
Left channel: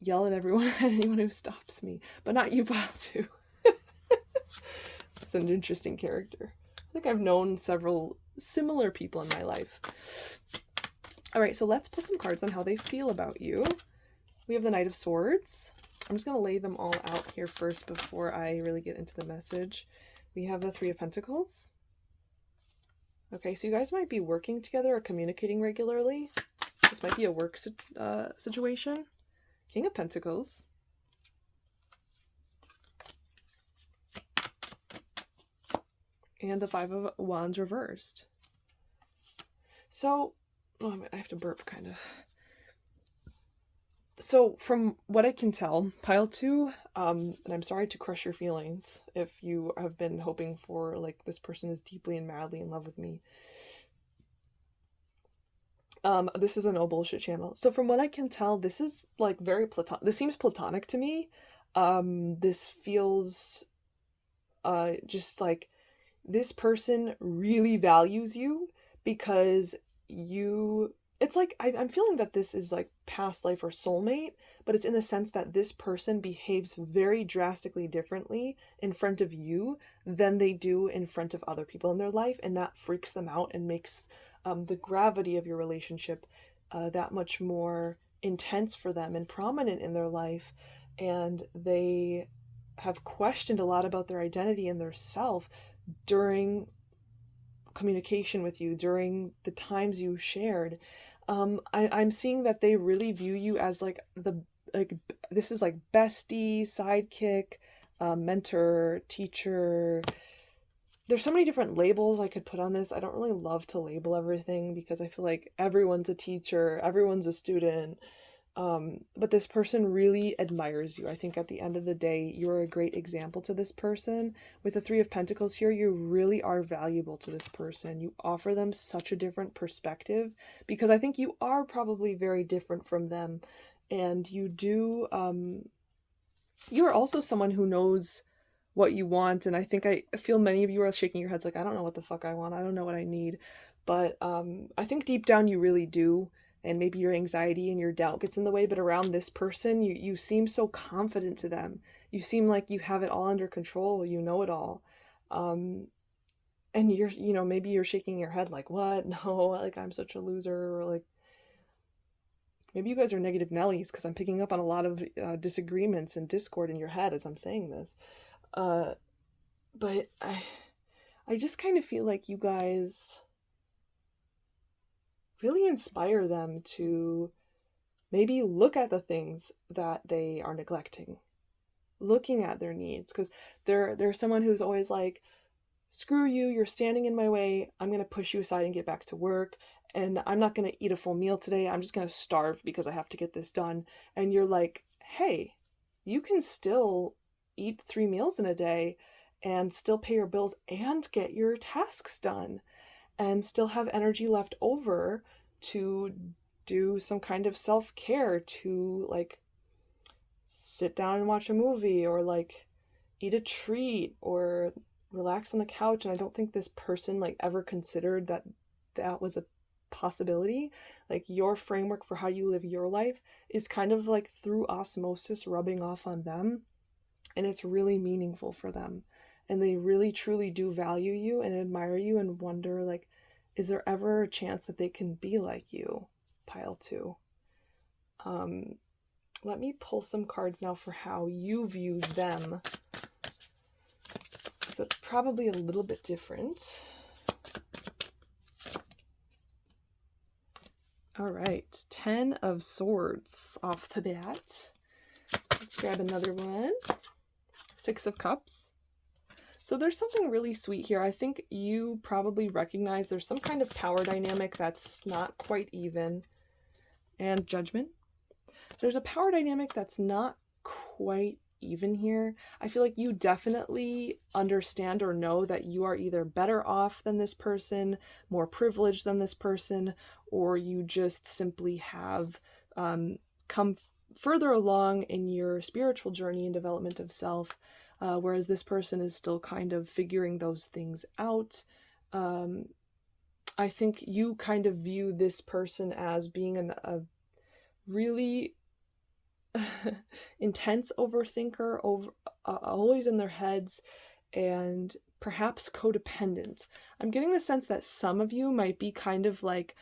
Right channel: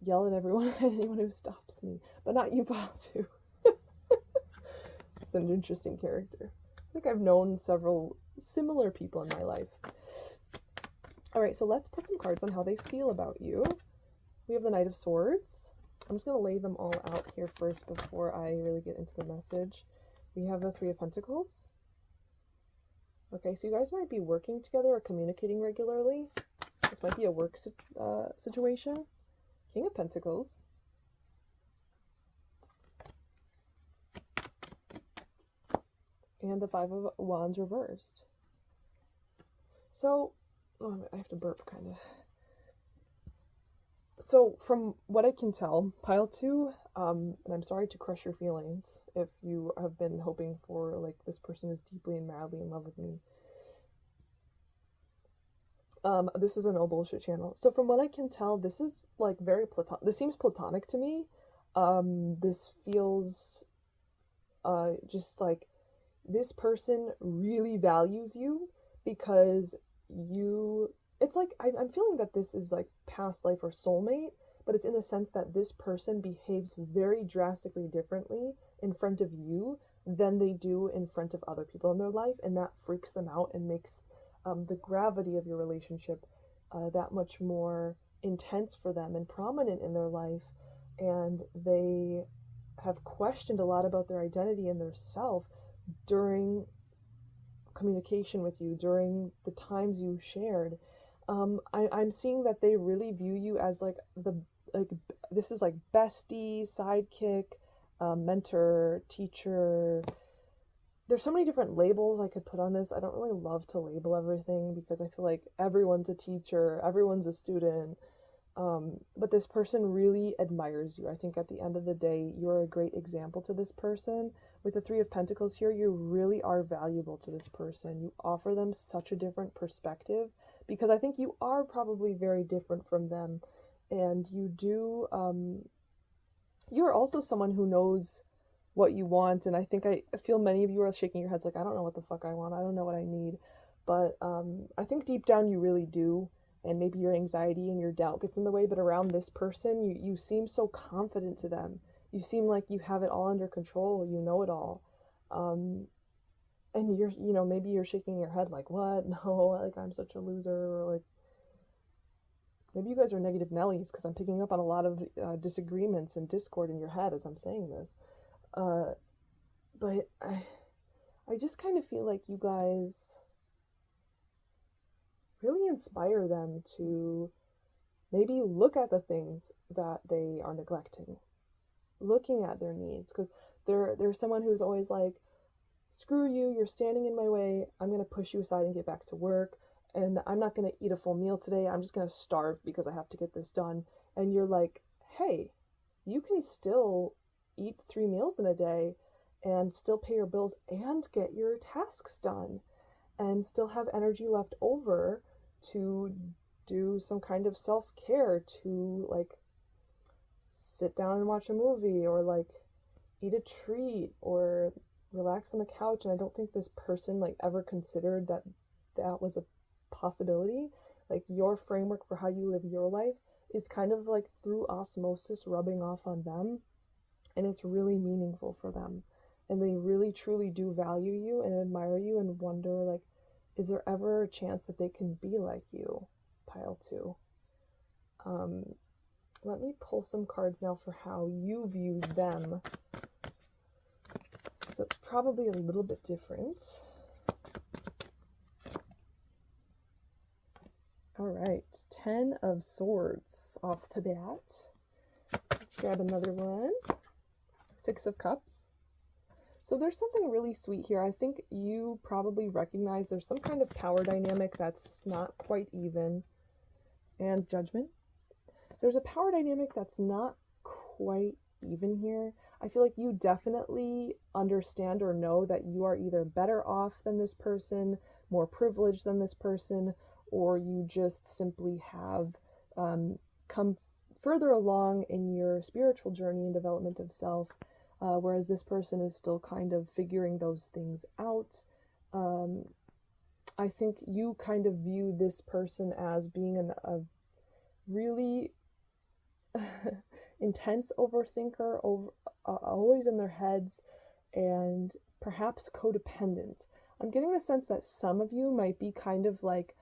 yell at everyone and anyone who stops me, but not you, Basu. It's an interesting character. I think I've known several similar people in my life. All right, so let's pull some cards on how they feel about you. We have the Knight of Swords. I'm just going to lay them all out here first before I really get into the message. We have the Three of Pentacles. Okay, so you guys might be working together or communicating regularly. This might be a work situation. King of Pentacles. And the Five of Wands reversed. So, I have to burp kind of. So from what I can tell, pile 2, and I'm sorry to crush your feelings if you have been hoping for, like, this person is deeply and madly in love with me. This is a no bullshit channel. So from what I can tell, this is, like, very platonic. This seems platonic to me. This feels, just like this person really values you because it's like, I'm feeling that this is like past life or soulmate, but it's in the sense that this person behaves very drastically differently in front of you than they do in front of other people in their life, and that freaks them out and makes the gravity of your relationship that much more intense for them and prominent in their life, and they have questioned a lot about their identity and their self during communication with you, during the times you shared. I'm seeing that they really view you as this is like bestie, sidekick, mentor, teacher. There's so many different labels I could put on this. I don't really love to label everything because I feel like everyone's a teacher, everyone's a student. But this person really admires you. I think at the end of the day, you're a great example to this person. With the Three of Pentacles here, you really are valuable to this person. You offer them such a different perspective because I think you are probably very different from them. And you're also someone who knows what you want. And I feel many of you are shaking your heads like, I don't know what the fuck I want. I don't know what I need. But I think deep down you really do. And maybe your anxiety and your doubt gets in the way, but around this person, you seem so confident to them. You seem like you have it all under control. You know it all. And maybe you're shaking your head like, what? No, like I'm such a loser. Or like, maybe you guys are negative Nellies because I'm picking up on a lot of disagreements and discord in your head as I'm saying this. But I just kind of feel like you guys really inspire them to maybe look at the things that they are neglecting, looking at their needs, because there's someone who's always like, screw you, you're standing in my way, I'm going to push you aside and get back to work, and I'm not going to eat a full meal today, I'm just going to starve because I have to get this done. And you're like, hey, you can still eat 3 meals in a day and still pay your bills and get your tasks done and still have energy left over to do some kind of self-care, to like sit down and watch a movie, or like eat a treat, or relax on the couch. And I don't think this person like ever considered that that was a possibility. Like your framework for how you live your life is kind of like through osmosis rubbing off on them, and it's really meaningful for them, and they really truly do value you and admire you and wonder like, is there ever a chance that they can be like you? Pile 2. Let me pull some cards now for how you view them, because it's probably a little bit different. All right, 10 of Swords off the bat. Let's grab another one. 6 of Cups. So there's something really sweet here. I think you probably recognize there's some kind of power dynamic that's not quite even. And Judgment. There's a power dynamic that's not quite even here. I feel like you definitely understand or know that you are either better off than this person, more privileged than this person, or you just simply have come further along in your spiritual journey and development of self, whereas this person is still kind of figuring those things out. I think you kind of view this person as being a really intense overthinker, always in their heads, and perhaps codependent. I'm getting the sense that some of you might be kind of like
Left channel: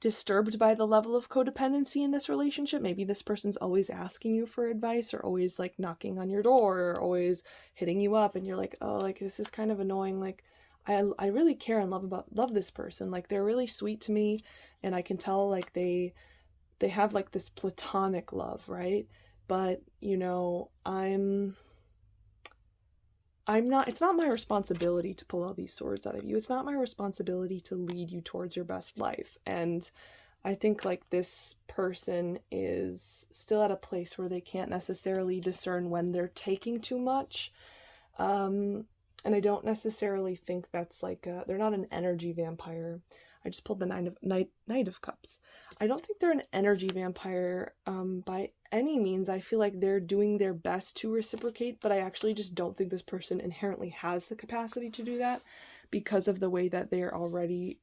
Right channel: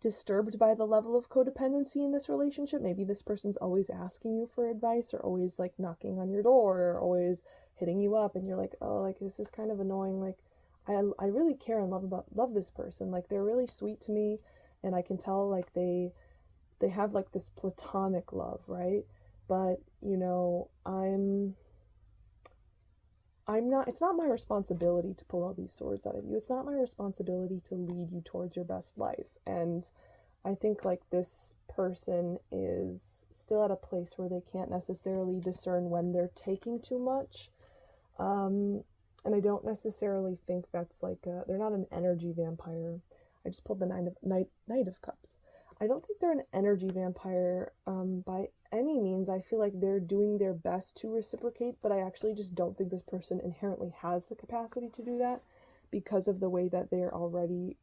disturbed by the level of codependency in this relationship. Maybe this person's always asking you for advice, or always like knocking on your door, or always hitting you up, and you're like, oh, like this is kind of annoying. Like I really care and love this person. Like they're really sweet to me, and I can tell like they have like this platonic love, right? But you know, I'm not, it's not my responsibility to pull all these swords out of you. It's not my responsibility to lead you towards your best life. And I think like this person is still at a place where they can't necessarily discern when they're taking too much. And I don't necessarily think that's like they're not an energy vampire. I just pulled the Knight of Cups. I don't think they're an energy vampire by any means. I feel like they're doing their best to reciprocate, but I actually just don't think this person inherently has the capacity to do that because of the way that they're already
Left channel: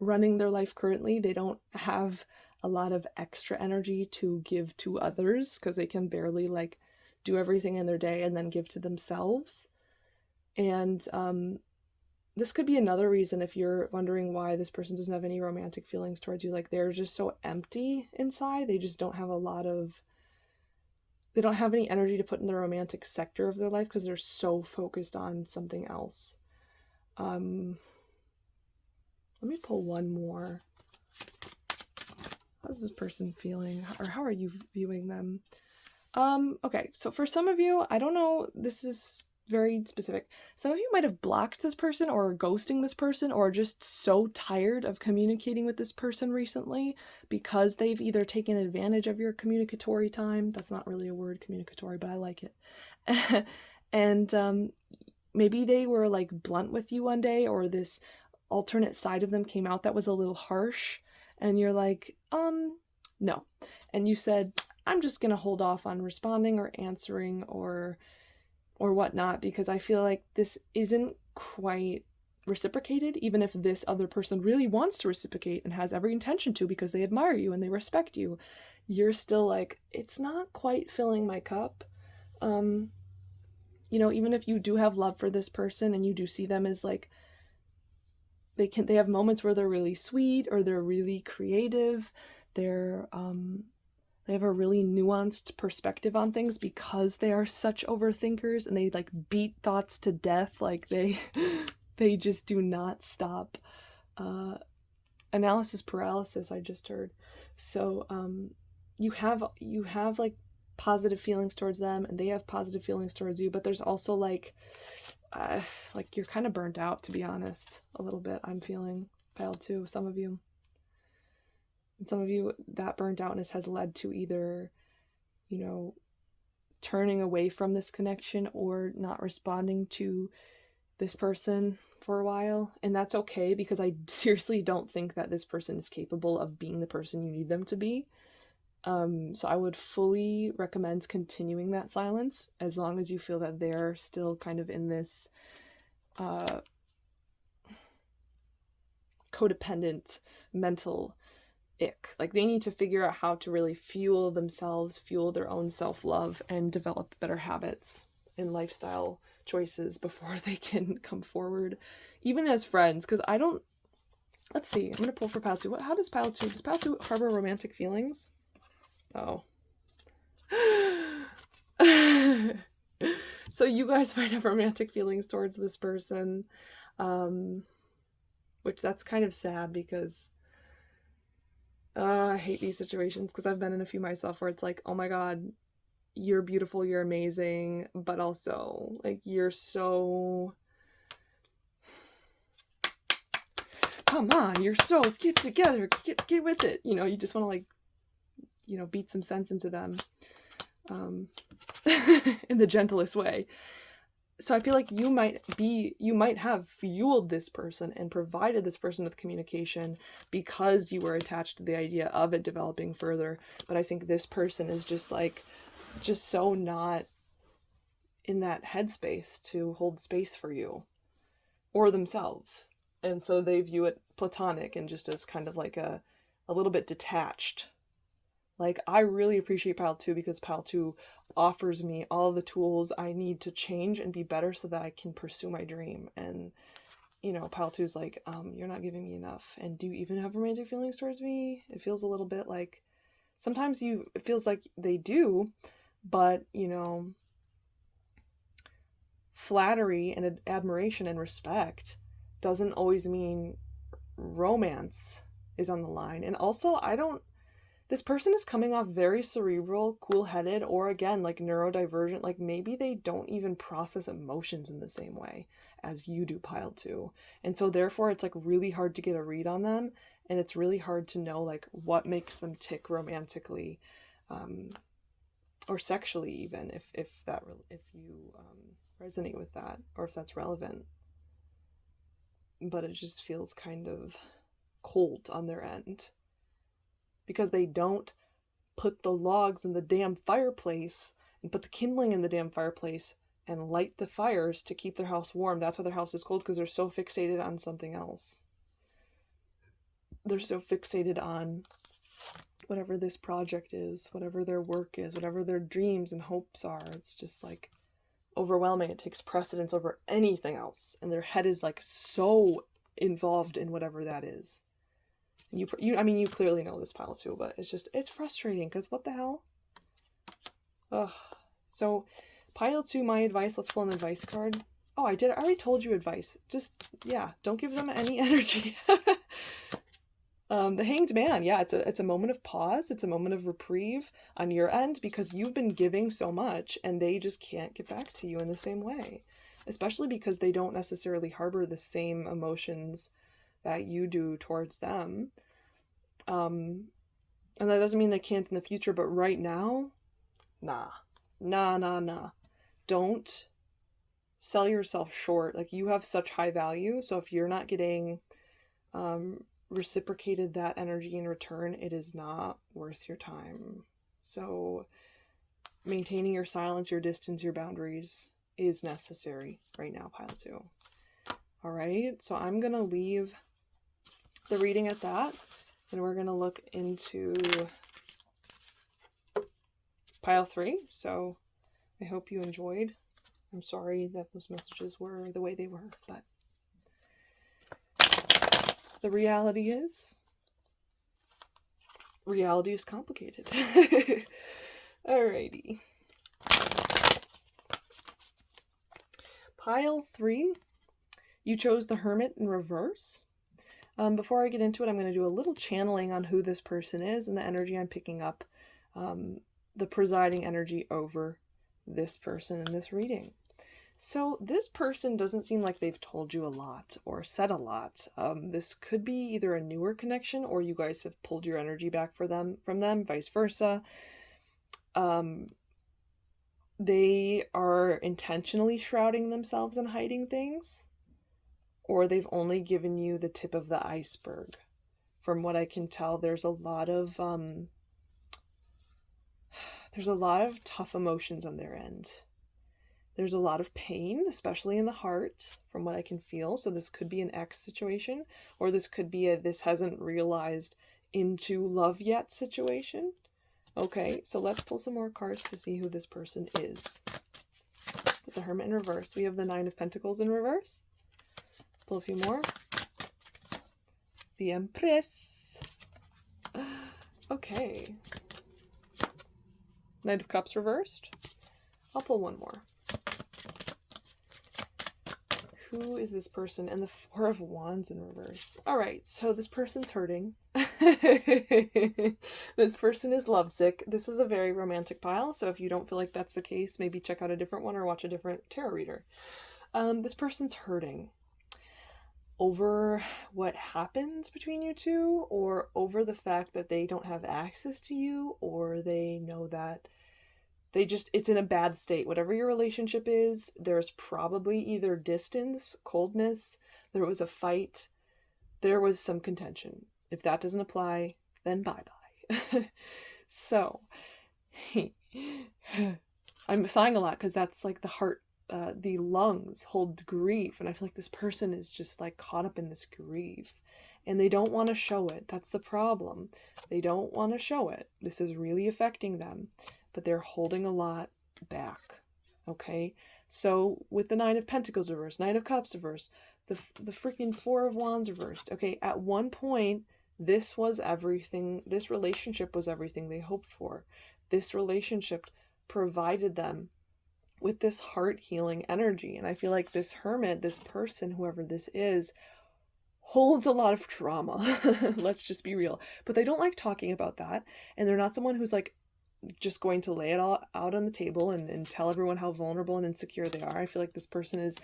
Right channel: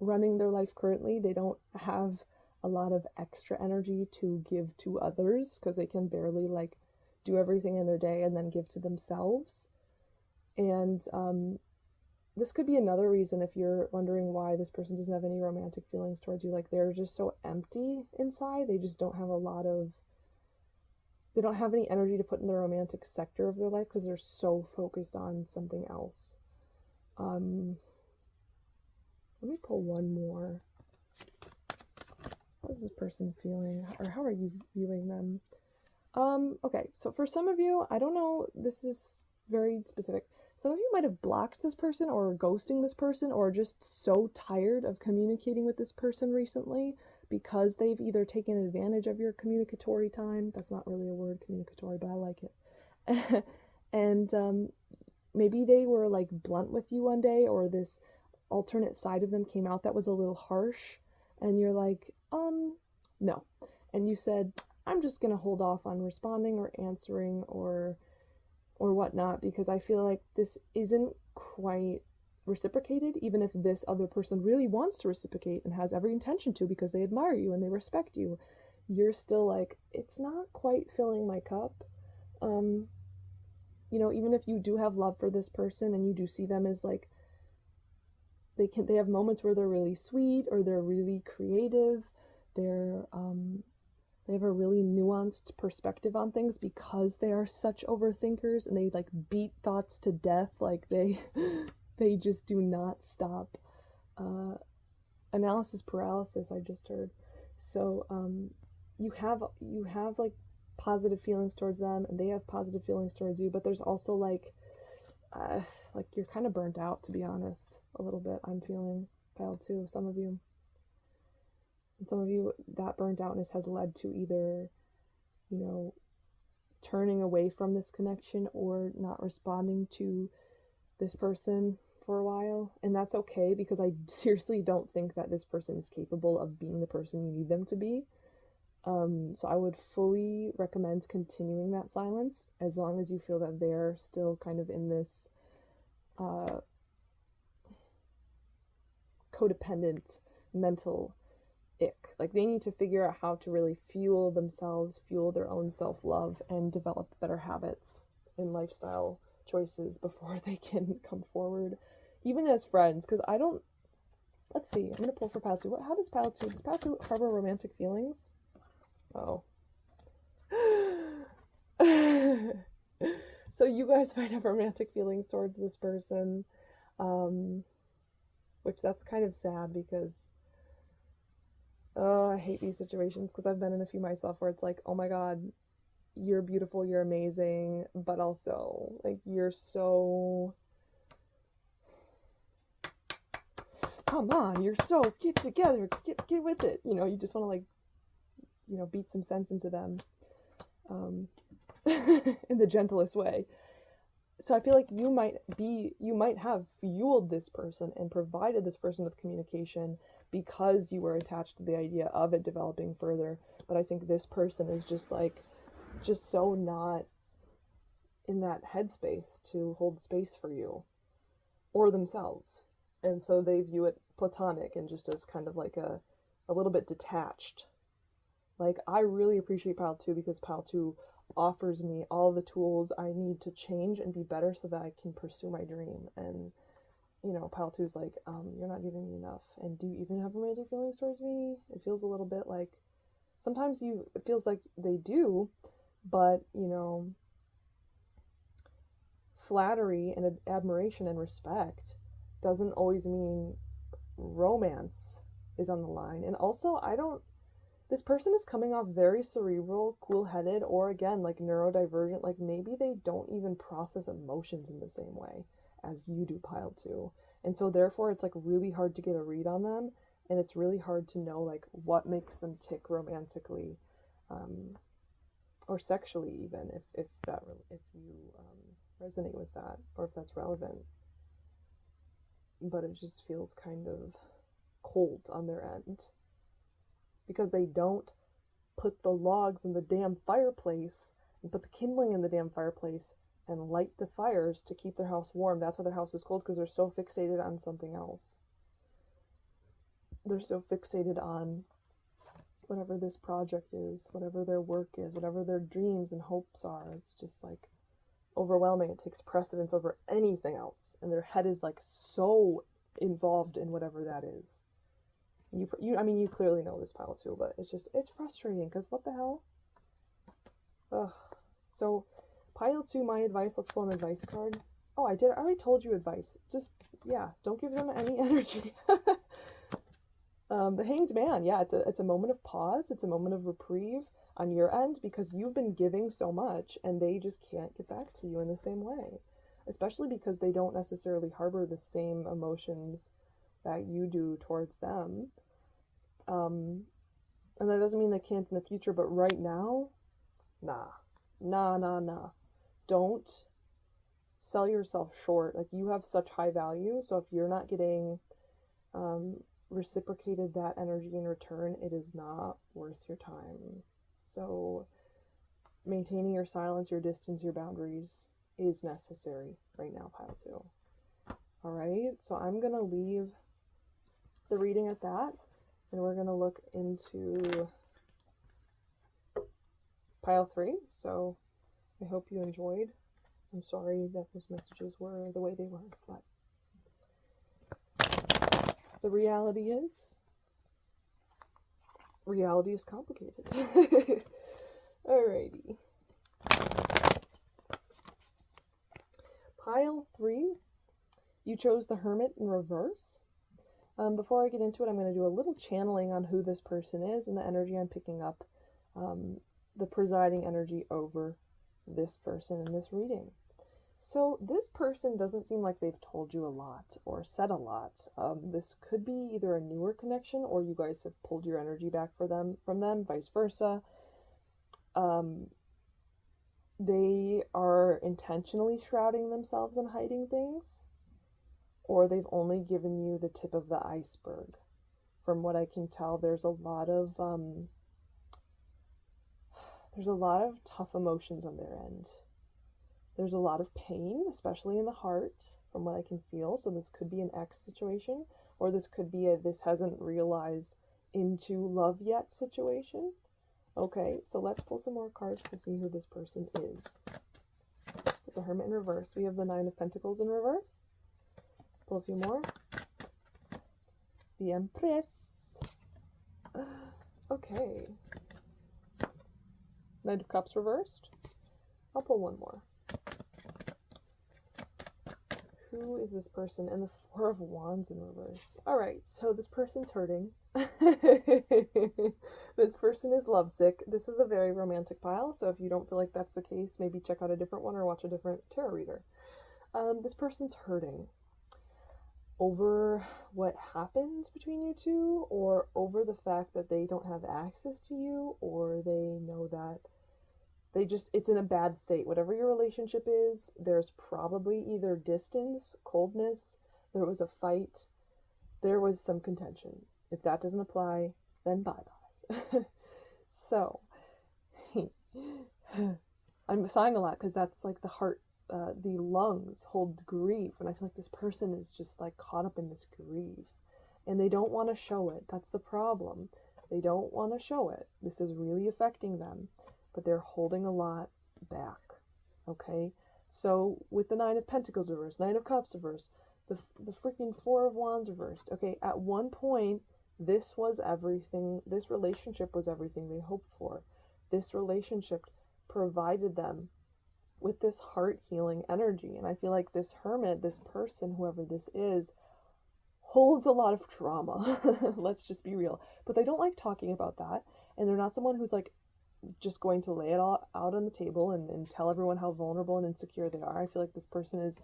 running their life currently. They don't have a lot of extra energy to give to others because they can barely like do everything in their day and then give to themselves. And this could be another reason if you're wondering why this person doesn't have any romantic feelings towards you. Like they're just so empty inside. They just don't have they don't have any energy to put in the romantic sector of their life because they're so focused on something else. Let me pull one more. How's this person feeling? Or how are you viewing them? Okay, so for some of you, I don't know, this is very specific. Some of you might have blocked this person or are ghosting this person or just so tired of communicating with this person recently because they've either taken advantage of your communicatory time. That's not really a word, communicatory, but I like it. And maybe they were like blunt with you one day, or this alternate side of them came out that was a little harsh, and you're like, no. And you said, I'm just gonna hold off on responding or answering or whatnot, because I feel like this isn't quite reciprocated, even if this other person really wants to reciprocate and has every intention to because they admire you and they respect you. You're still like, it's not quite filling my cup. You know, even if you do have love for this person and you do see them as like, they have moments where they're really sweet or they're really creative. They have a really nuanced perspective on things because they are such overthinkers and they like beat thoughts to death. Like they just do not stop. Analysis paralysis, I just heard. So you have like positive feelings towards them and they have positive feelings towards you, but there's also like you're kind of burnt out, to be honest, a little bit. I'm feeling pile 2, some of you. And some of you, that burnt outness has led to either, you know, turning away from this connection or not responding to this person for a while, and that's okay, because I seriously don't think that this person is capable of being the person you need them to be. So I would fully recommend continuing that silence as long as you feel that they're still kind of in this codependent mental ick. Like, they need to figure out how to really fuel themselves, fuel their own self-love, and develop better habits and lifestyle choices before they can come forward, even as friends. Because I don't, let's see, I'm going to pull for pile 2. How does pile 2, does pile 2 harbor romantic feelings? Oh. So you guys might have romantic feelings towards this person, which that's kind of sad, because I hate these situations, because I've been in a few myself where it's like, oh my god, you're beautiful, you're amazing, but also, like, you're so, come on, you're so, get together, get with it, you know, you just want to, like, you know, beat some sense into them, in the gentlest way. So I feel like you might have fueled this person and provided this person with communication because you were attached to the idea of it developing further. But I think this person is just so not in that headspace to hold space for you or themselves. And so they view it platonic and just as kind of like a little bit detached. Like, I really appreciate pile 2 because pile 2 offers me all the tools I need to change and be better so that I can pursue my dream. And, you know, pile 2 is like, you're not giving me enough. And do you even have romantic feelings towards me? It feels a little bit like, sometimes it feels like they do, but, you know, flattery and admiration and respect doesn't always mean romance is on the line. And also, this person is coming off very cerebral, cool-headed, or again, like neurodivergent. Like, maybe they don't even process emotions in the same way as you do, pile 2. And so therefore it's like really hard to get a read on them, and it's really hard to know like what makes them tick romantically, or sexually even, if you resonate with that, or if that's relevant. But it just feels kind of cold on their end, because they don't put the logs in the damn fireplace and put the kindling in the damn fireplace and light the fires to keep their house warm. That's why their house is cold, because they're so fixated on something else. They're so fixated on whatever this project is, whatever their work is, whatever their dreams and hopes are. It's just like overwhelming. It takes precedence over anything else, and their head is like so involved in whatever that is. I mean, you clearly know this, pile 2, but it's frustrating, because what the hell? Ugh. So, pile 2, my advice, let's pull an advice card. Oh, I already told you advice. Just, yeah, don't give them any energy. The Hanged Man, yeah, it's a moment of pause. It's a moment of reprieve on your end, because you've been giving so much, and they just can't get back to you in the same way. Especially because they don't necessarily harbor the same emotions that you do towards them. And that doesn't mean they can't in the future, but right now, nah. Don't sell yourself short. Like, you have such high value, so if you're not getting reciprocated that energy in return, it is not worth your time. So maintaining your silence, your distance, your boundaries is necessary right now, pile 2. All right, so I'm gonna leave the reading at that, and we're gonna look into pile 3. So I hope you enjoyed. I'm sorry that those messages were the way they were, but the reality is complicated. Alrighty. Pile 3, you chose the Hermit in reverse. Before I get into it, I'm going to do a little channeling on who this person is and the energy I'm picking up, the presiding energy over this person in this reading. So this person doesn't seem like they've told you a lot or said a lot. This could be either a newer connection, or you guys have pulled your energy back from them, vice versa. they are intentionally shrouding themselves and hiding things, or they've only given you the tip of the iceberg. From what I can tell, there's a lot of tough emotions on their end. There's a lot of pain, especially in the heart, from what I can feel. So this could be an ex situation, or this could be a this hasn't realized into love yet situation. Okay, so let's pull some more cards to see who this person is. With the Hermit in reverse, we have the Nine of Pentacles in reverse. Let's pull a few more. The Empress. Okay. Knight of Cups reversed. I'll pull one more. Who is this person? And the Four of Wands in reverse. All right, so this person's hurting. This person is lovesick. This is a very romantic pile, so if you don't feel like that's the case, maybe check out a different one or watch a different tarot reader. This person's hurting over what happened between you two, or over the fact that they don't have access to you, or they know that it's in a bad state. Whatever your relationship is, there's probably either distance, coldness, there was a fight, there was some contention. If that doesn't apply, then bye-bye. So, I'm sighing a lot because that's like the heart, the lungs hold grief. And I feel like this person is just like caught up in this grief. And they don't want to show it. That's the problem. They don't want to show it. This is really affecting them. But they're holding a lot back, okay? So with the Nine of Pentacles reversed, Knight of Cups reversed, the freaking Four of Wands reversed, okay? At one point, this was everything, this relationship was everything they hoped for. This relationship provided them with this heart-healing energy. And I feel like this hermit, this person, whoever this is, holds a lot of trauma. Let's just be real. But they don't like talking about that. And they're not someone who's like, just going to lay it all out on the table and tell everyone how vulnerable and insecure they are. I feel like this person is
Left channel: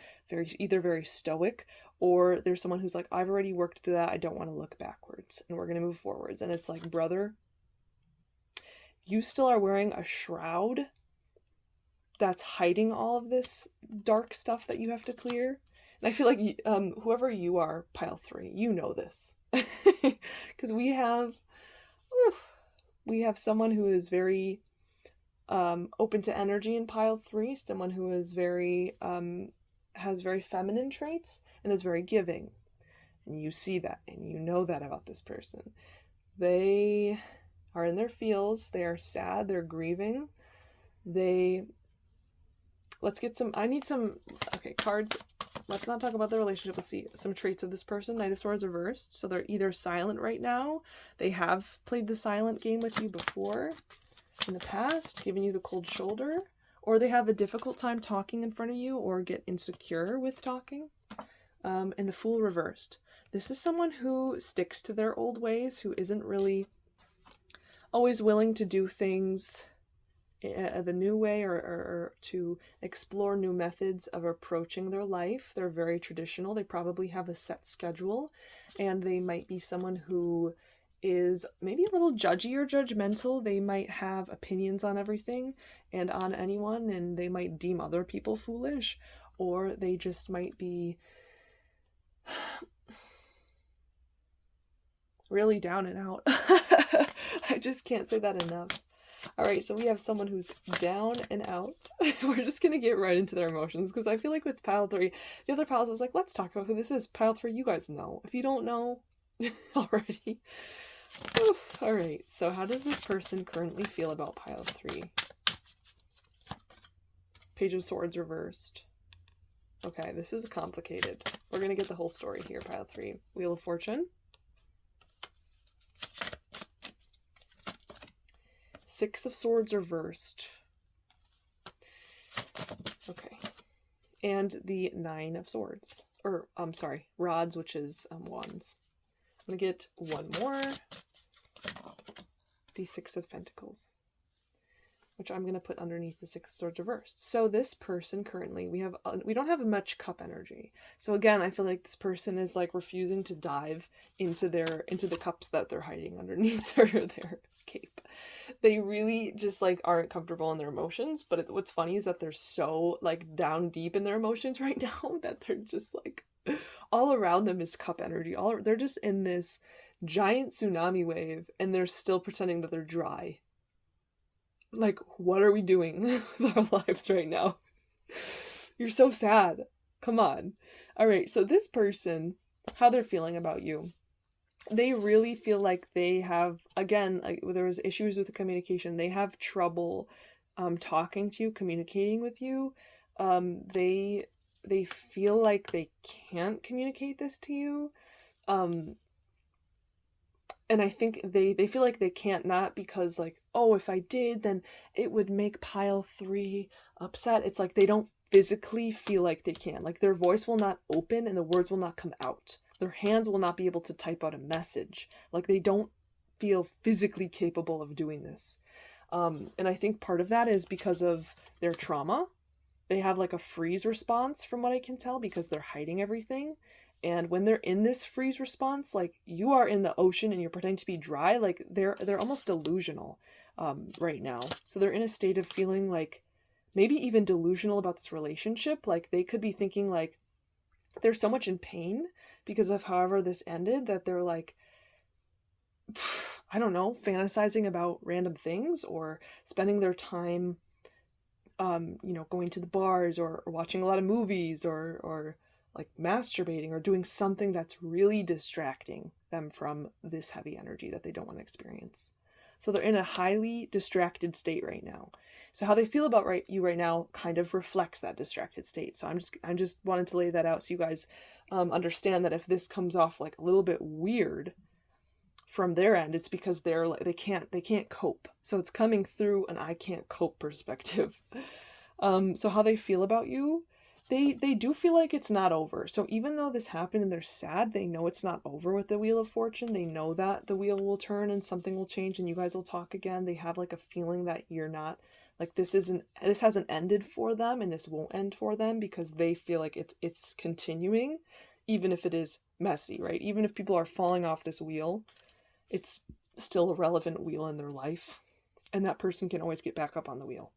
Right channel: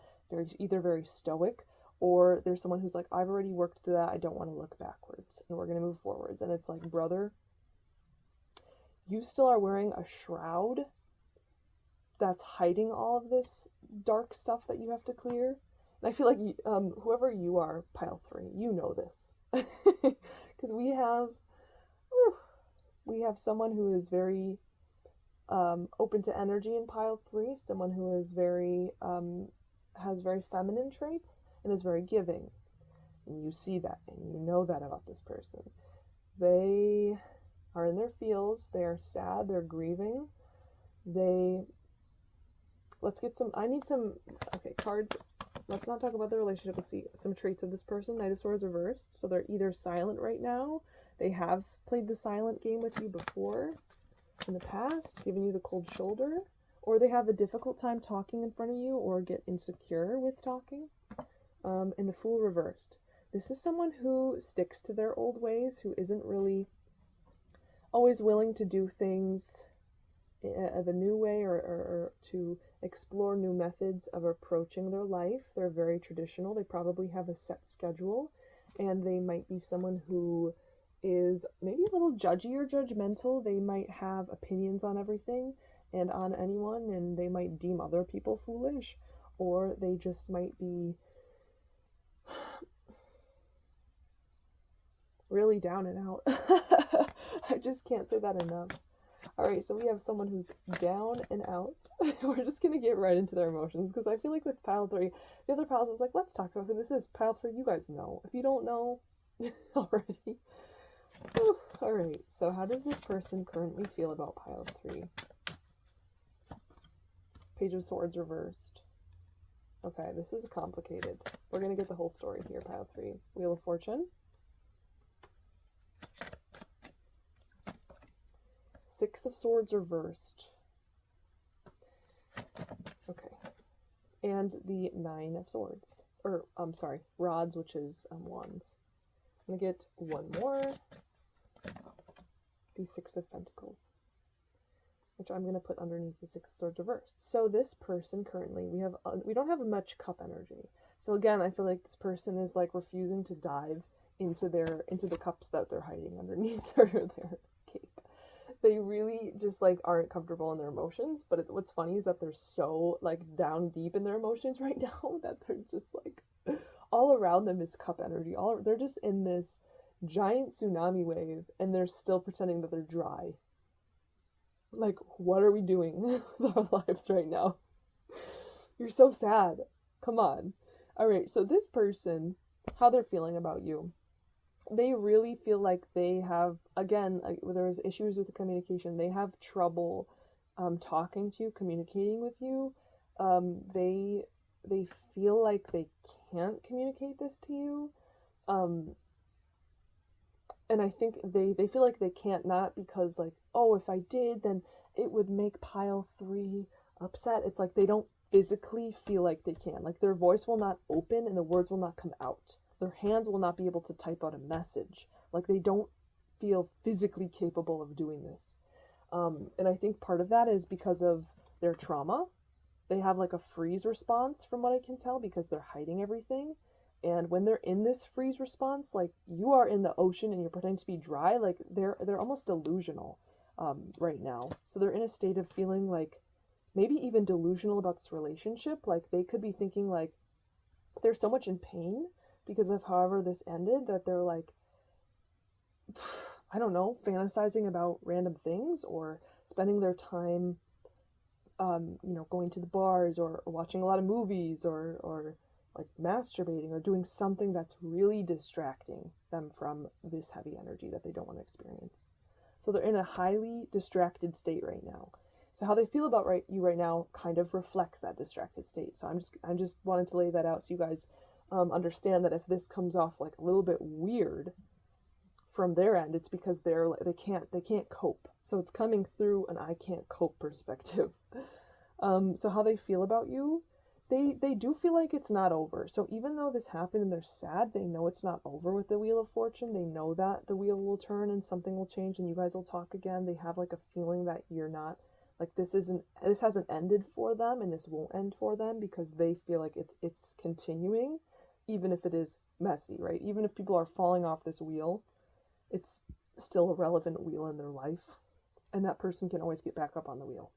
either very stoic, or there's someone who's like, I've already worked through that. I don't want to look backwards and we're going to move forwards. And it's like, brother, you still are wearing a shroud that's hiding all of this dark stuff that you have to clear. And I feel like whoever you are, pile 3, you know this. Because we have someone who is very open to energy in pile 3, someone who is very has very feminine traits and is very giving. And you see that and you know that about this person. They are in their feels, they are sad, they're grieving. I need some cards. Let's not talk about the relationship. Let's see some traits of this person. Knight of Swords reversed. So they're either silent right now. They have played the silent game with you before in the past, giving you the cold shoulder. Or they have a difficult time talking in front of you or get insecure with talking. And the Fool reversed. This is someone who sticks to their old ways, who isn't really always willing to do things the new way or to explore new methods of approaching their life. They're very traditional. They probably have a set schedule, and they might be someone who is maybe a little judgy or judgmental. They might have opinions on everything and on anyone, and they might deem other people foolish, or they just might be really down and out. I just can't say that enough. All right, so we have someone who's down and out. We're just going to get right into their emotions, because I feel like with pile 3, the other piles, I was like, let's talk about who this is. Pile 3, you guys know. If you don't know already. Oof. All right, so how does this person currently feel about pile 3? Page of Swords reversed. Okay, this is complicated. We're going to get the whole story here, pile 3. Wheel of Fortune. Six of Swords reversed. Okay. And the Nine of Swords. Or, I'm sorry, Rods, which is Wands. I'm going to get one more. The Six of Pentacles, which I'm going to put underneath the Six of Swords reversed. So this person currently, we don't have much cup energy. So again, I feel like this person is like refusing to dive into the cups that they're hiding underneath their cape. They really just like aren't comfortable in their emotions, but what's funny is that they're so like down deep in their emotions right now that they're just like all around them is cup energy. They're just in this giant tsunami wave and they're still pretending that they're dry. Like, what are we doing with our lives right now? You're so sad. Come on. All right, so this person, how they're feeling about you, they really feel like they have, again, like there was issues with the communication. They have trouble talking to you, communicating with you. They feel like they can't communicate this to you. And I think they feel like they can't, not because like, oh, if I did, then it would make pile 3 upset. It's like they don't physically feel like they can. Like their voice will not open and the words will not come out. Their hands will not be able to type out a message. Like they don't feel physically capable of doing this. And I think part of that is because of their trauma. They have like a freeze response from what I can tell because they're hiding everything. And when they're in this freeze response, like you are in the ocean and you're pretending to be dry, like they're almost delusional right now. So they're in a state of feeling like maybe even delusional about this relationship. Like they could be thinking like they're so much in pain because of however this ended that they're like, I don't know, fantasizing about random things or spending their time, going to the bars or watching a lot of movies or like masturbating or doing something that's really distracting them from this heavy energy that they don't want to experience. So they're in a highly distracted state right now. So how they feel about you right now kind of reflects that distracted state. So I'm just wanted to lay that out so you guys understand that if this comes off like a little bit weird from their end, it's because they can't cope. So it's coming through an I can't cope perspective. So how they feel about you, they do feel like it's not over. So even though this happened and they're sad, they know it's not over with the Wheel of Fortune. They know that the wheel will turn and something will change and you guys will talk again. They have like a feeling that you're not like this hasn't ended for them and this won't end for them because they feel like it's continuing, even if it is messy, right? Even if people are falling off this wheel, it's still a relevant wheel in their life and that person can always get back up on the wheel.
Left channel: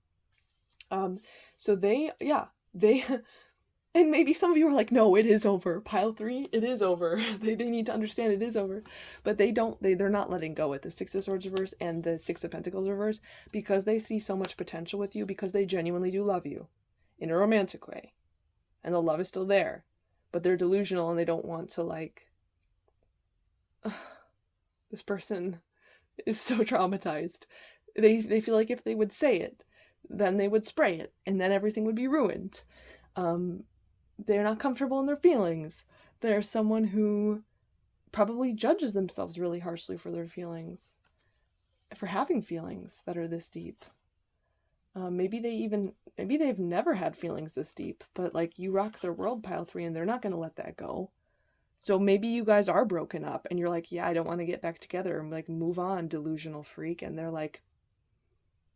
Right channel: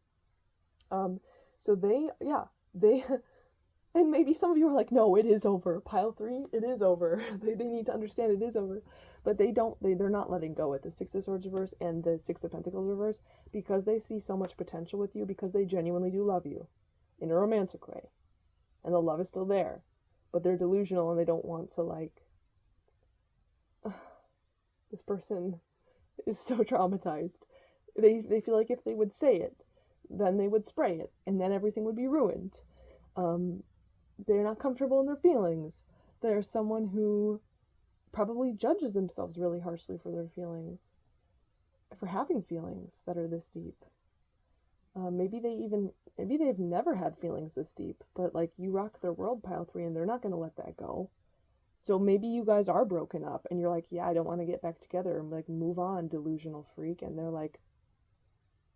So they and maybe some of you are like, no, it is over. Pile 3, it is over. They need to understand it is over. But they're not letting go with the 6 of Swords reverse and the 6 of Pentacles reverse because they see so much potential with you because they genuinely do love you in a romantic way. And the love is still there. But they're delusional and they don't want to like, this person is so traumatized. They feel like if they would say it, then they would spray it and then everything would be ruined. They're not comfortable in their feelings. They're someone who probably judges themselves really harshly for their feelings, for having feelings that are this deep. Maybe they've never had feelings this deep, but like you rock their world, pile 3, and they're not going to let that go. So maybe you guys are broken up and you're like, yeah, I don't want to get back together and like move on, delusional freak. And they're like,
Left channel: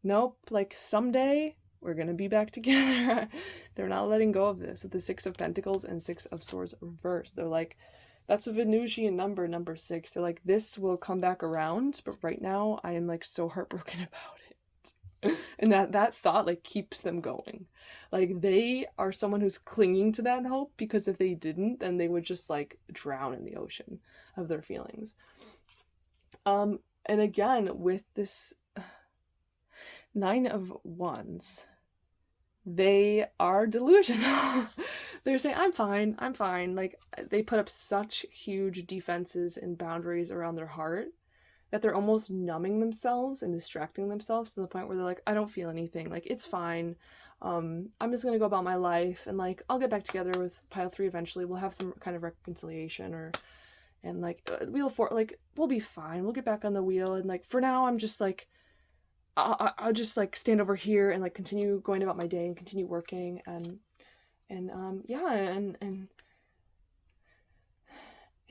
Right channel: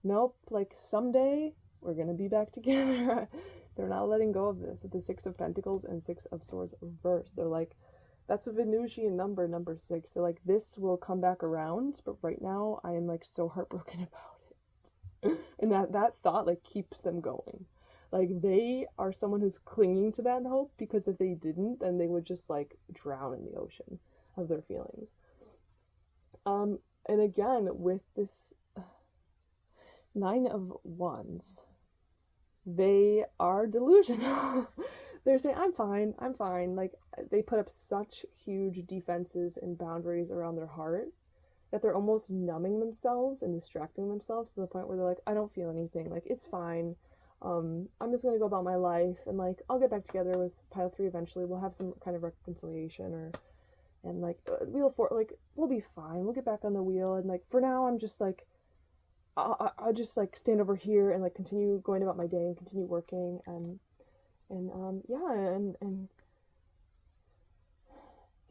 nope, like someday we're going to be back together. They're not letting go of this. With the 6 of Pentacles and 6 of Swords reversed. They're like, that's a Venusian number 6. They're like, this will come back around, but right now I am like so heartbroken about it. And that thought like keeps them going. Like they are someone who's clinging to that hope because if they didn't, then they would just like drown in the ocean of their feelings. And again, with this 9 of Wands, they are delusional. They're saying, I'm fine. Like they put up such huge defenses and boundaries around their heart that they're almost numbing themselves and distracting themselves to the point where they're like, I don't feel anything. Like it's fine. I'm just going to go about my life and like, I'll get back together with pile 3 eventually. We'll have some kind of reconciliation and like wheel 4, like we'll be fine. We'll get back on the wheel. And like, for now, I'm just like, I'll just like stand over here and like continue going about my day and continue working and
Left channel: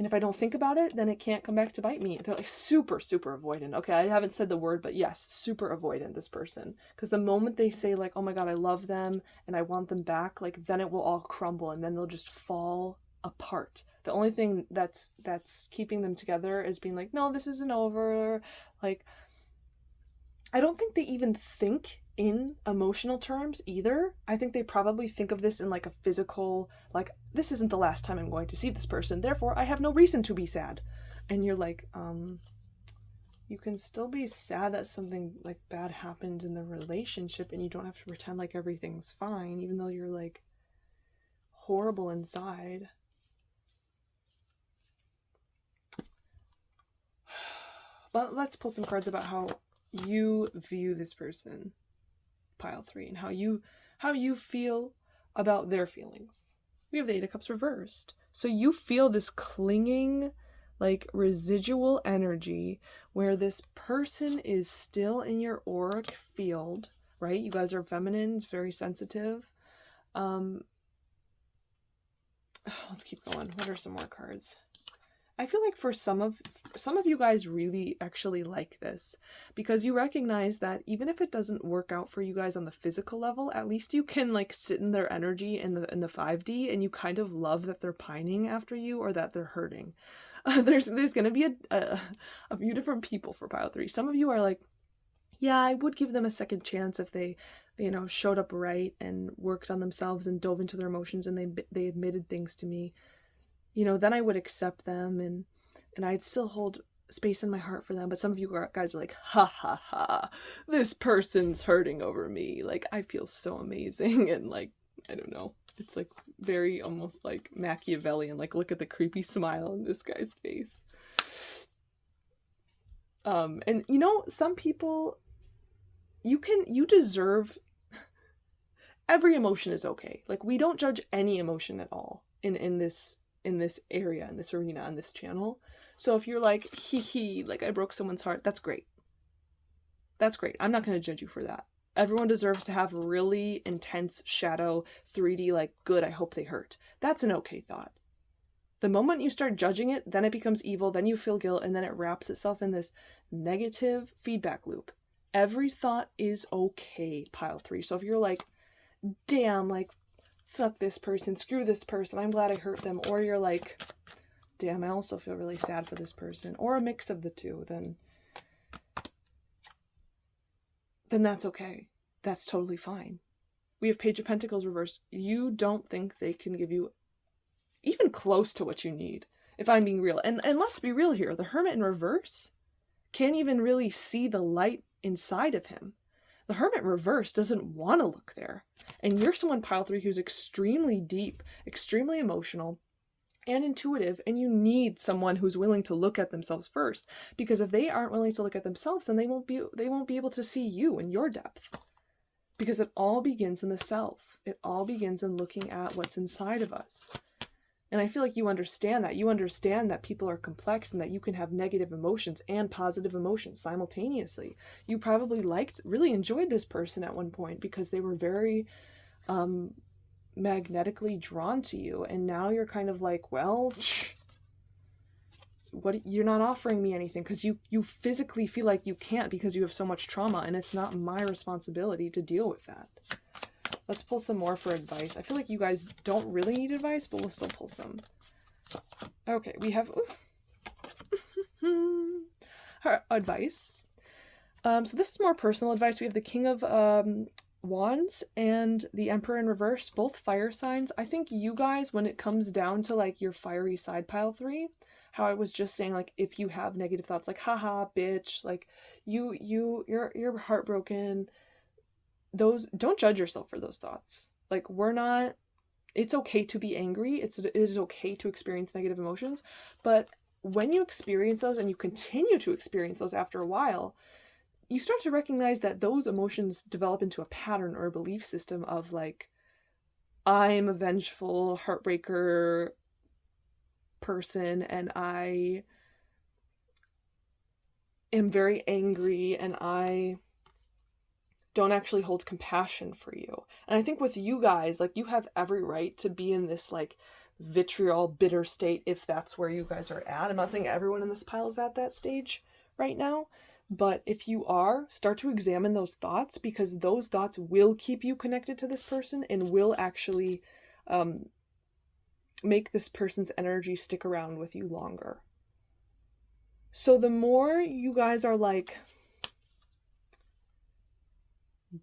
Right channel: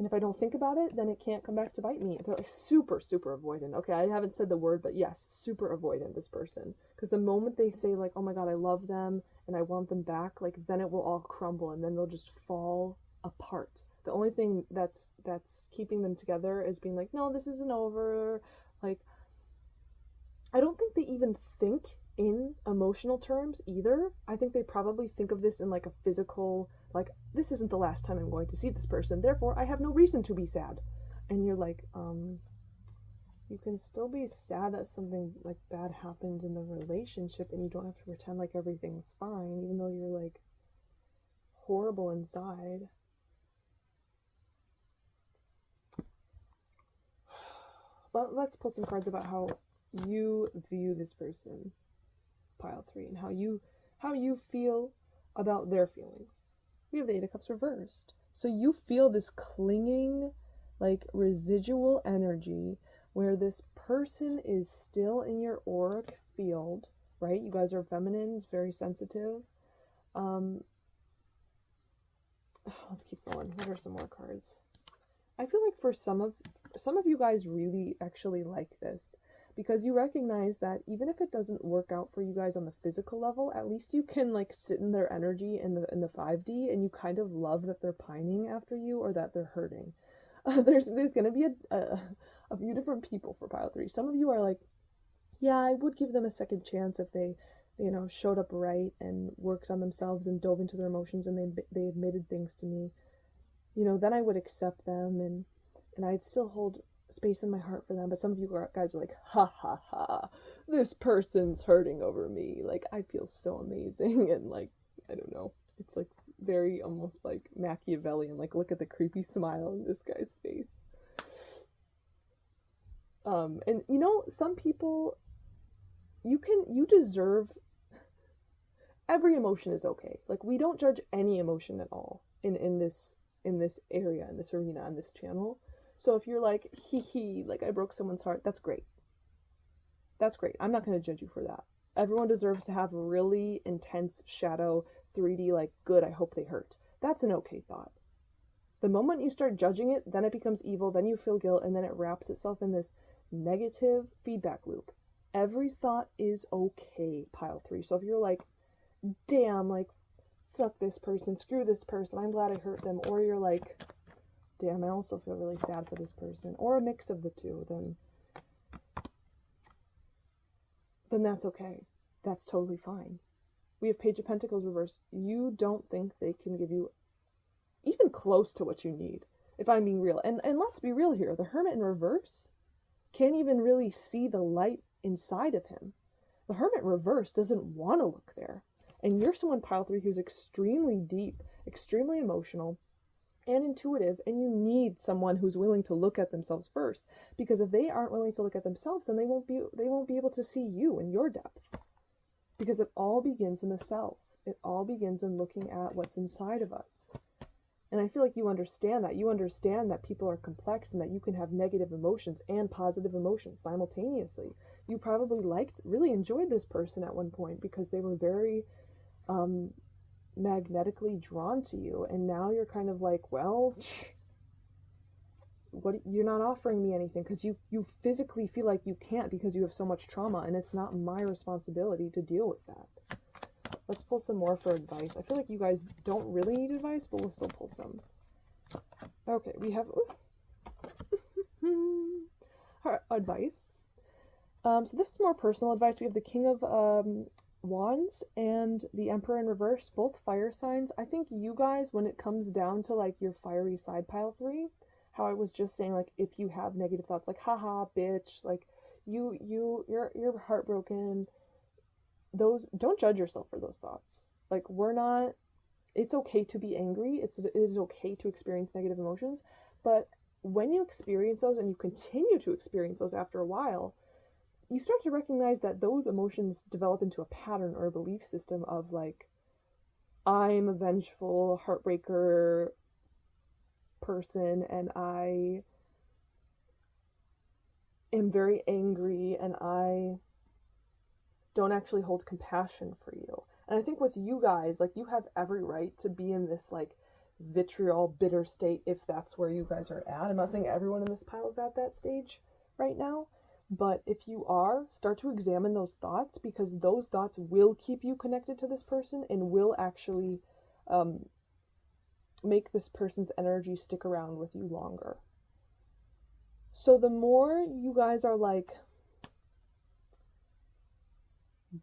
if I don't think about it, then it can't come back to bite me. They're like super avoidant. Okay, I haven't said the word, but yes, super avoidant, this person. Because the moment they say like, oh my god, I love them and I want them back, like then it will all crumble and then they'll just fall apart. The only thing that's keeping them together is being like, no, this isn't over. Like I don't think they even think in emotional terms either. I think they probably think of this in like a physical, like, this isn't the last time I'm going to see this person, therefore I have no reason to be sad. And you're like, you can still be sad that something like bad happened in the relationship, and you don't have to pretend like everything's fine, even though you're like horrible inside. But let's pull some cards about how you view this person, pile 3, and how you feel about their feelings. We have the 8 of Cups reversed. So you feel this clinging, like, residual energy where this person is still in your auric field, right? You guys are feminine, it's very sensitive. Let's keep going. What are some more cards? I feel like for some of you guys really actually like this, because you recognize that even if it doesn't work out for you guys on the physical level, at least you can like sit in their energy in the 5D, and you kind of love that they're pining after you or that they're hurting. There's going to be a few different people for pile 3. Some of you are like, yeah, I would give them a second chance if they, showed up right and worked on themselves and dove into their emotions and they admitted things to me. Then I would accept them and I'd still hold space in my heart for them. But some of you guys are like, ha ha ha, this person's hurting over me. Like, I feel so amazing. And like, I don't know. It's like very almost like Machiavellian. Like, look at the creepy smile in this guy's face. And some people, you deserve, every emotion is okay. Like, we don't judge any emotion at all in this area, in this arena, on this channel. So if you're like, like I broke someone's heart, that's great. That's great. I'm not going to judge you for that. Everyone deserves to have really intense shadow 3D, like, good, I hope they hurt. That's an okay thought. The moment you start judging it, then it becomes evil, then you feel guilt, and then it wraps itself in this negative feedback loop. Every thought is okay, pile 3. So if you're like, damn, like, fuck this person, screw this person, I'm glad I hurt them, or you're like, damn, I also feel really sad for this person, or a mix of the two, then that's okay. That's totally fine. We have Page of Pentacles reversed. You don't think they can give you even close to what you need, if I'm being real. And let's be real here. The Hermit in reverse can't even really see the light inside of him. The Hermit reverse doesn't want to look there. And you're someone, pile 3, who's extremely deep, extremely emotional, and intuitive, and you need someone who's willing to look at themselves first. Because if they aren't willing to look at themselves, then they won't be able to see you and your depth. Because it all begins in the self. It all begins in looking at what's inside of us. And I feel like you understand that. You understand that people are complex and that you can have negative emotions and positive emotions simultaneously. You probably really enjoyed this person at one point because they were very magnetically drawn to you. And now you're kind of like, well, you're not offering me anything because you physically feel like you can't because you have so much trauma, and it's not my responsibility to deal with that. Let's pull some more for advice. I feel like you guys don't really need advice, but we'll still pull some. Okay, we have her advice. So this is more personal advice. We have the King of Wands and the Emperor in reverse, both fire signs. I think you guys, when it comes down to like your fiery side, pile 3, how I was just saying, like, if you have negative thoughts, like, haha, bitch, like, you're heartbroken, those, don't judge yourself for those thoughts. Like, it's okay to be angry. It is okay to experience negative emotions. But when you experience those and you continue to experience those after a while, you start to recognize that those emotions develop into a pattern or a belief system of like, I'm a vengeful heartbreaker person, and I am very angry, and I don't actually hold compassion for you. And I think with you guys, like, you have every right to be in this like vitriol, bitter state if that's where you guys are at. I'm not saying everyone in this pile is at that stage right now, but if you are, start to examine those thoughts, because those thoughts will keep you connected to this person and will actually make this person's energy stick around with you longer. So the more you guys are like,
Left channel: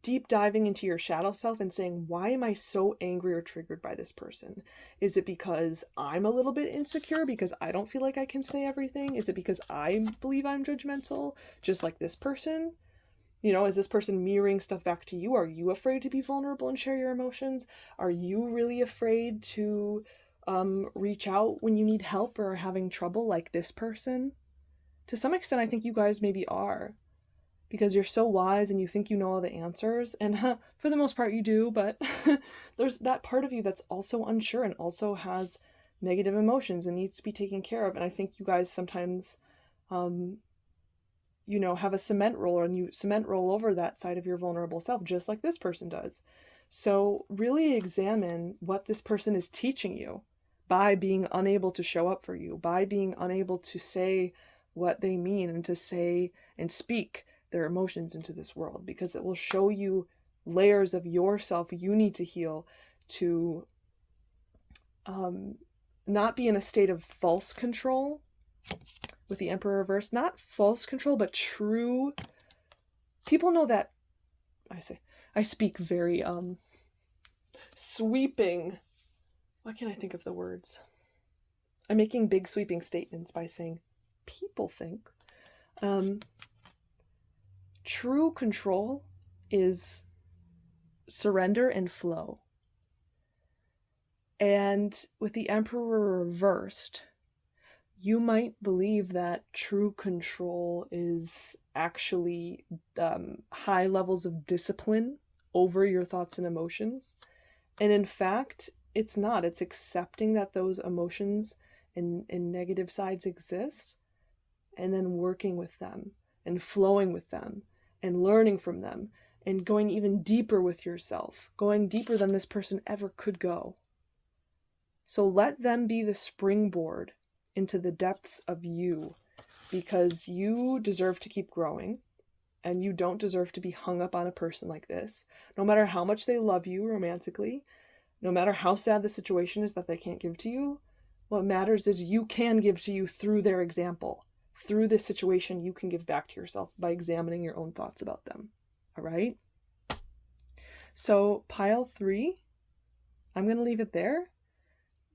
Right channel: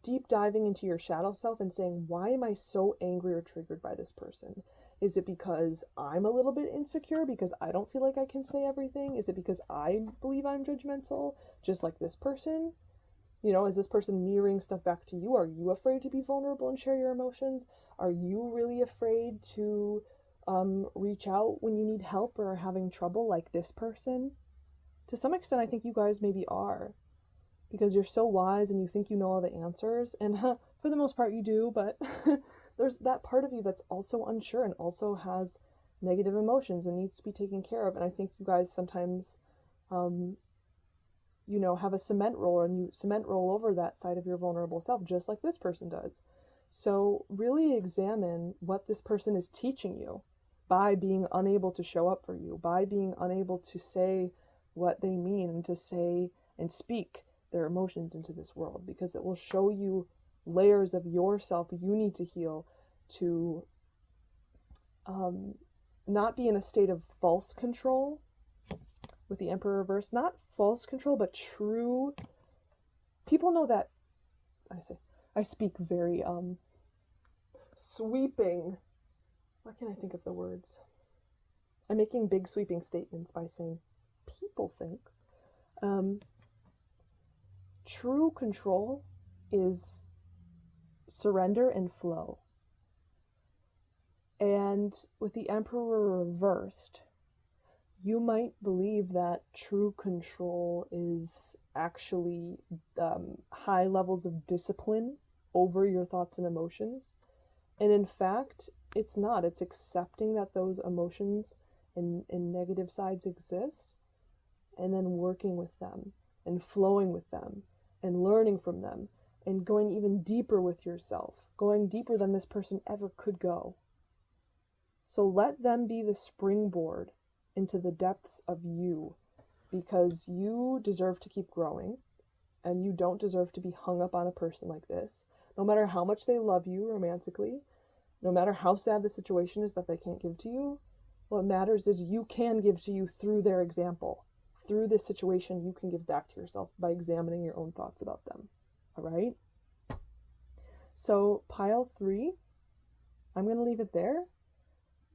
deep diving into your shadow self and saying, why am I so angry or triggered by this person? Is it because I'm a little bit insecure because I don't feel like I can say everything? Is it because I believe I'm judgmental, just like this person? You know, is this person mirroring stuff back to you? Are you afraid to be vulnerable and share your emotions? Are you really afraid to reach out when you need help or are having trouble like this person? To some extent, I think you guys maybe are, because you're so wise and you think you know all the answers. And for the most part, you do, but there's that part of you that's also unsure and also has negative emotions and needs to be taken care of. And I think you guys sometimes, you know, have a cement roller and you cement roll over that side of your vulnerable self, just like this person does. So really examine what this person is teaching you by being unable to show up for you, by being unable to say what they mean and to say and speak their emotions into this world, because it will show you layers of yourself you need to heal to not be in a state of false control with the Emperor reversed. Not false control, but true. People know that I speak very sweeping. Why can't I think of the words? I'm making big sweeping statements by saying people think. True control is surrender and flow. And with the Emperor reversed, you might believe that true control is actually high levels of discipline over your thoughts and emotions. And in fact, it's not. It's accepting that those emotions and negative sides exist, and then working with them and flowing with them and learning from them and going even deeper with yourself, going deeper than this person ever could go. So let them be the springboard into the depths of you, because you deserve to keep growing and you don't deserve to be hung up on a person like this. No matter how much they love you romantically, no matter how sad the situation is that they can't give to you, what matters is you can give to you through their example. Through this situation, you can give back to yourself by examining your own thoughts about them. All right? So pile 3, I'm going to leave it there.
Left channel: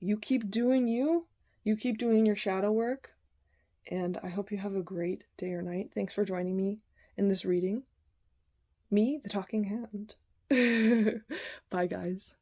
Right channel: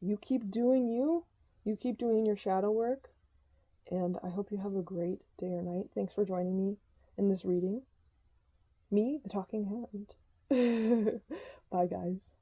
You keep doing you. You keep doing your shadow work. And I hope you have a great day or night. Thanks for joining me in this reading. Me, the talking hand. Bye, guys.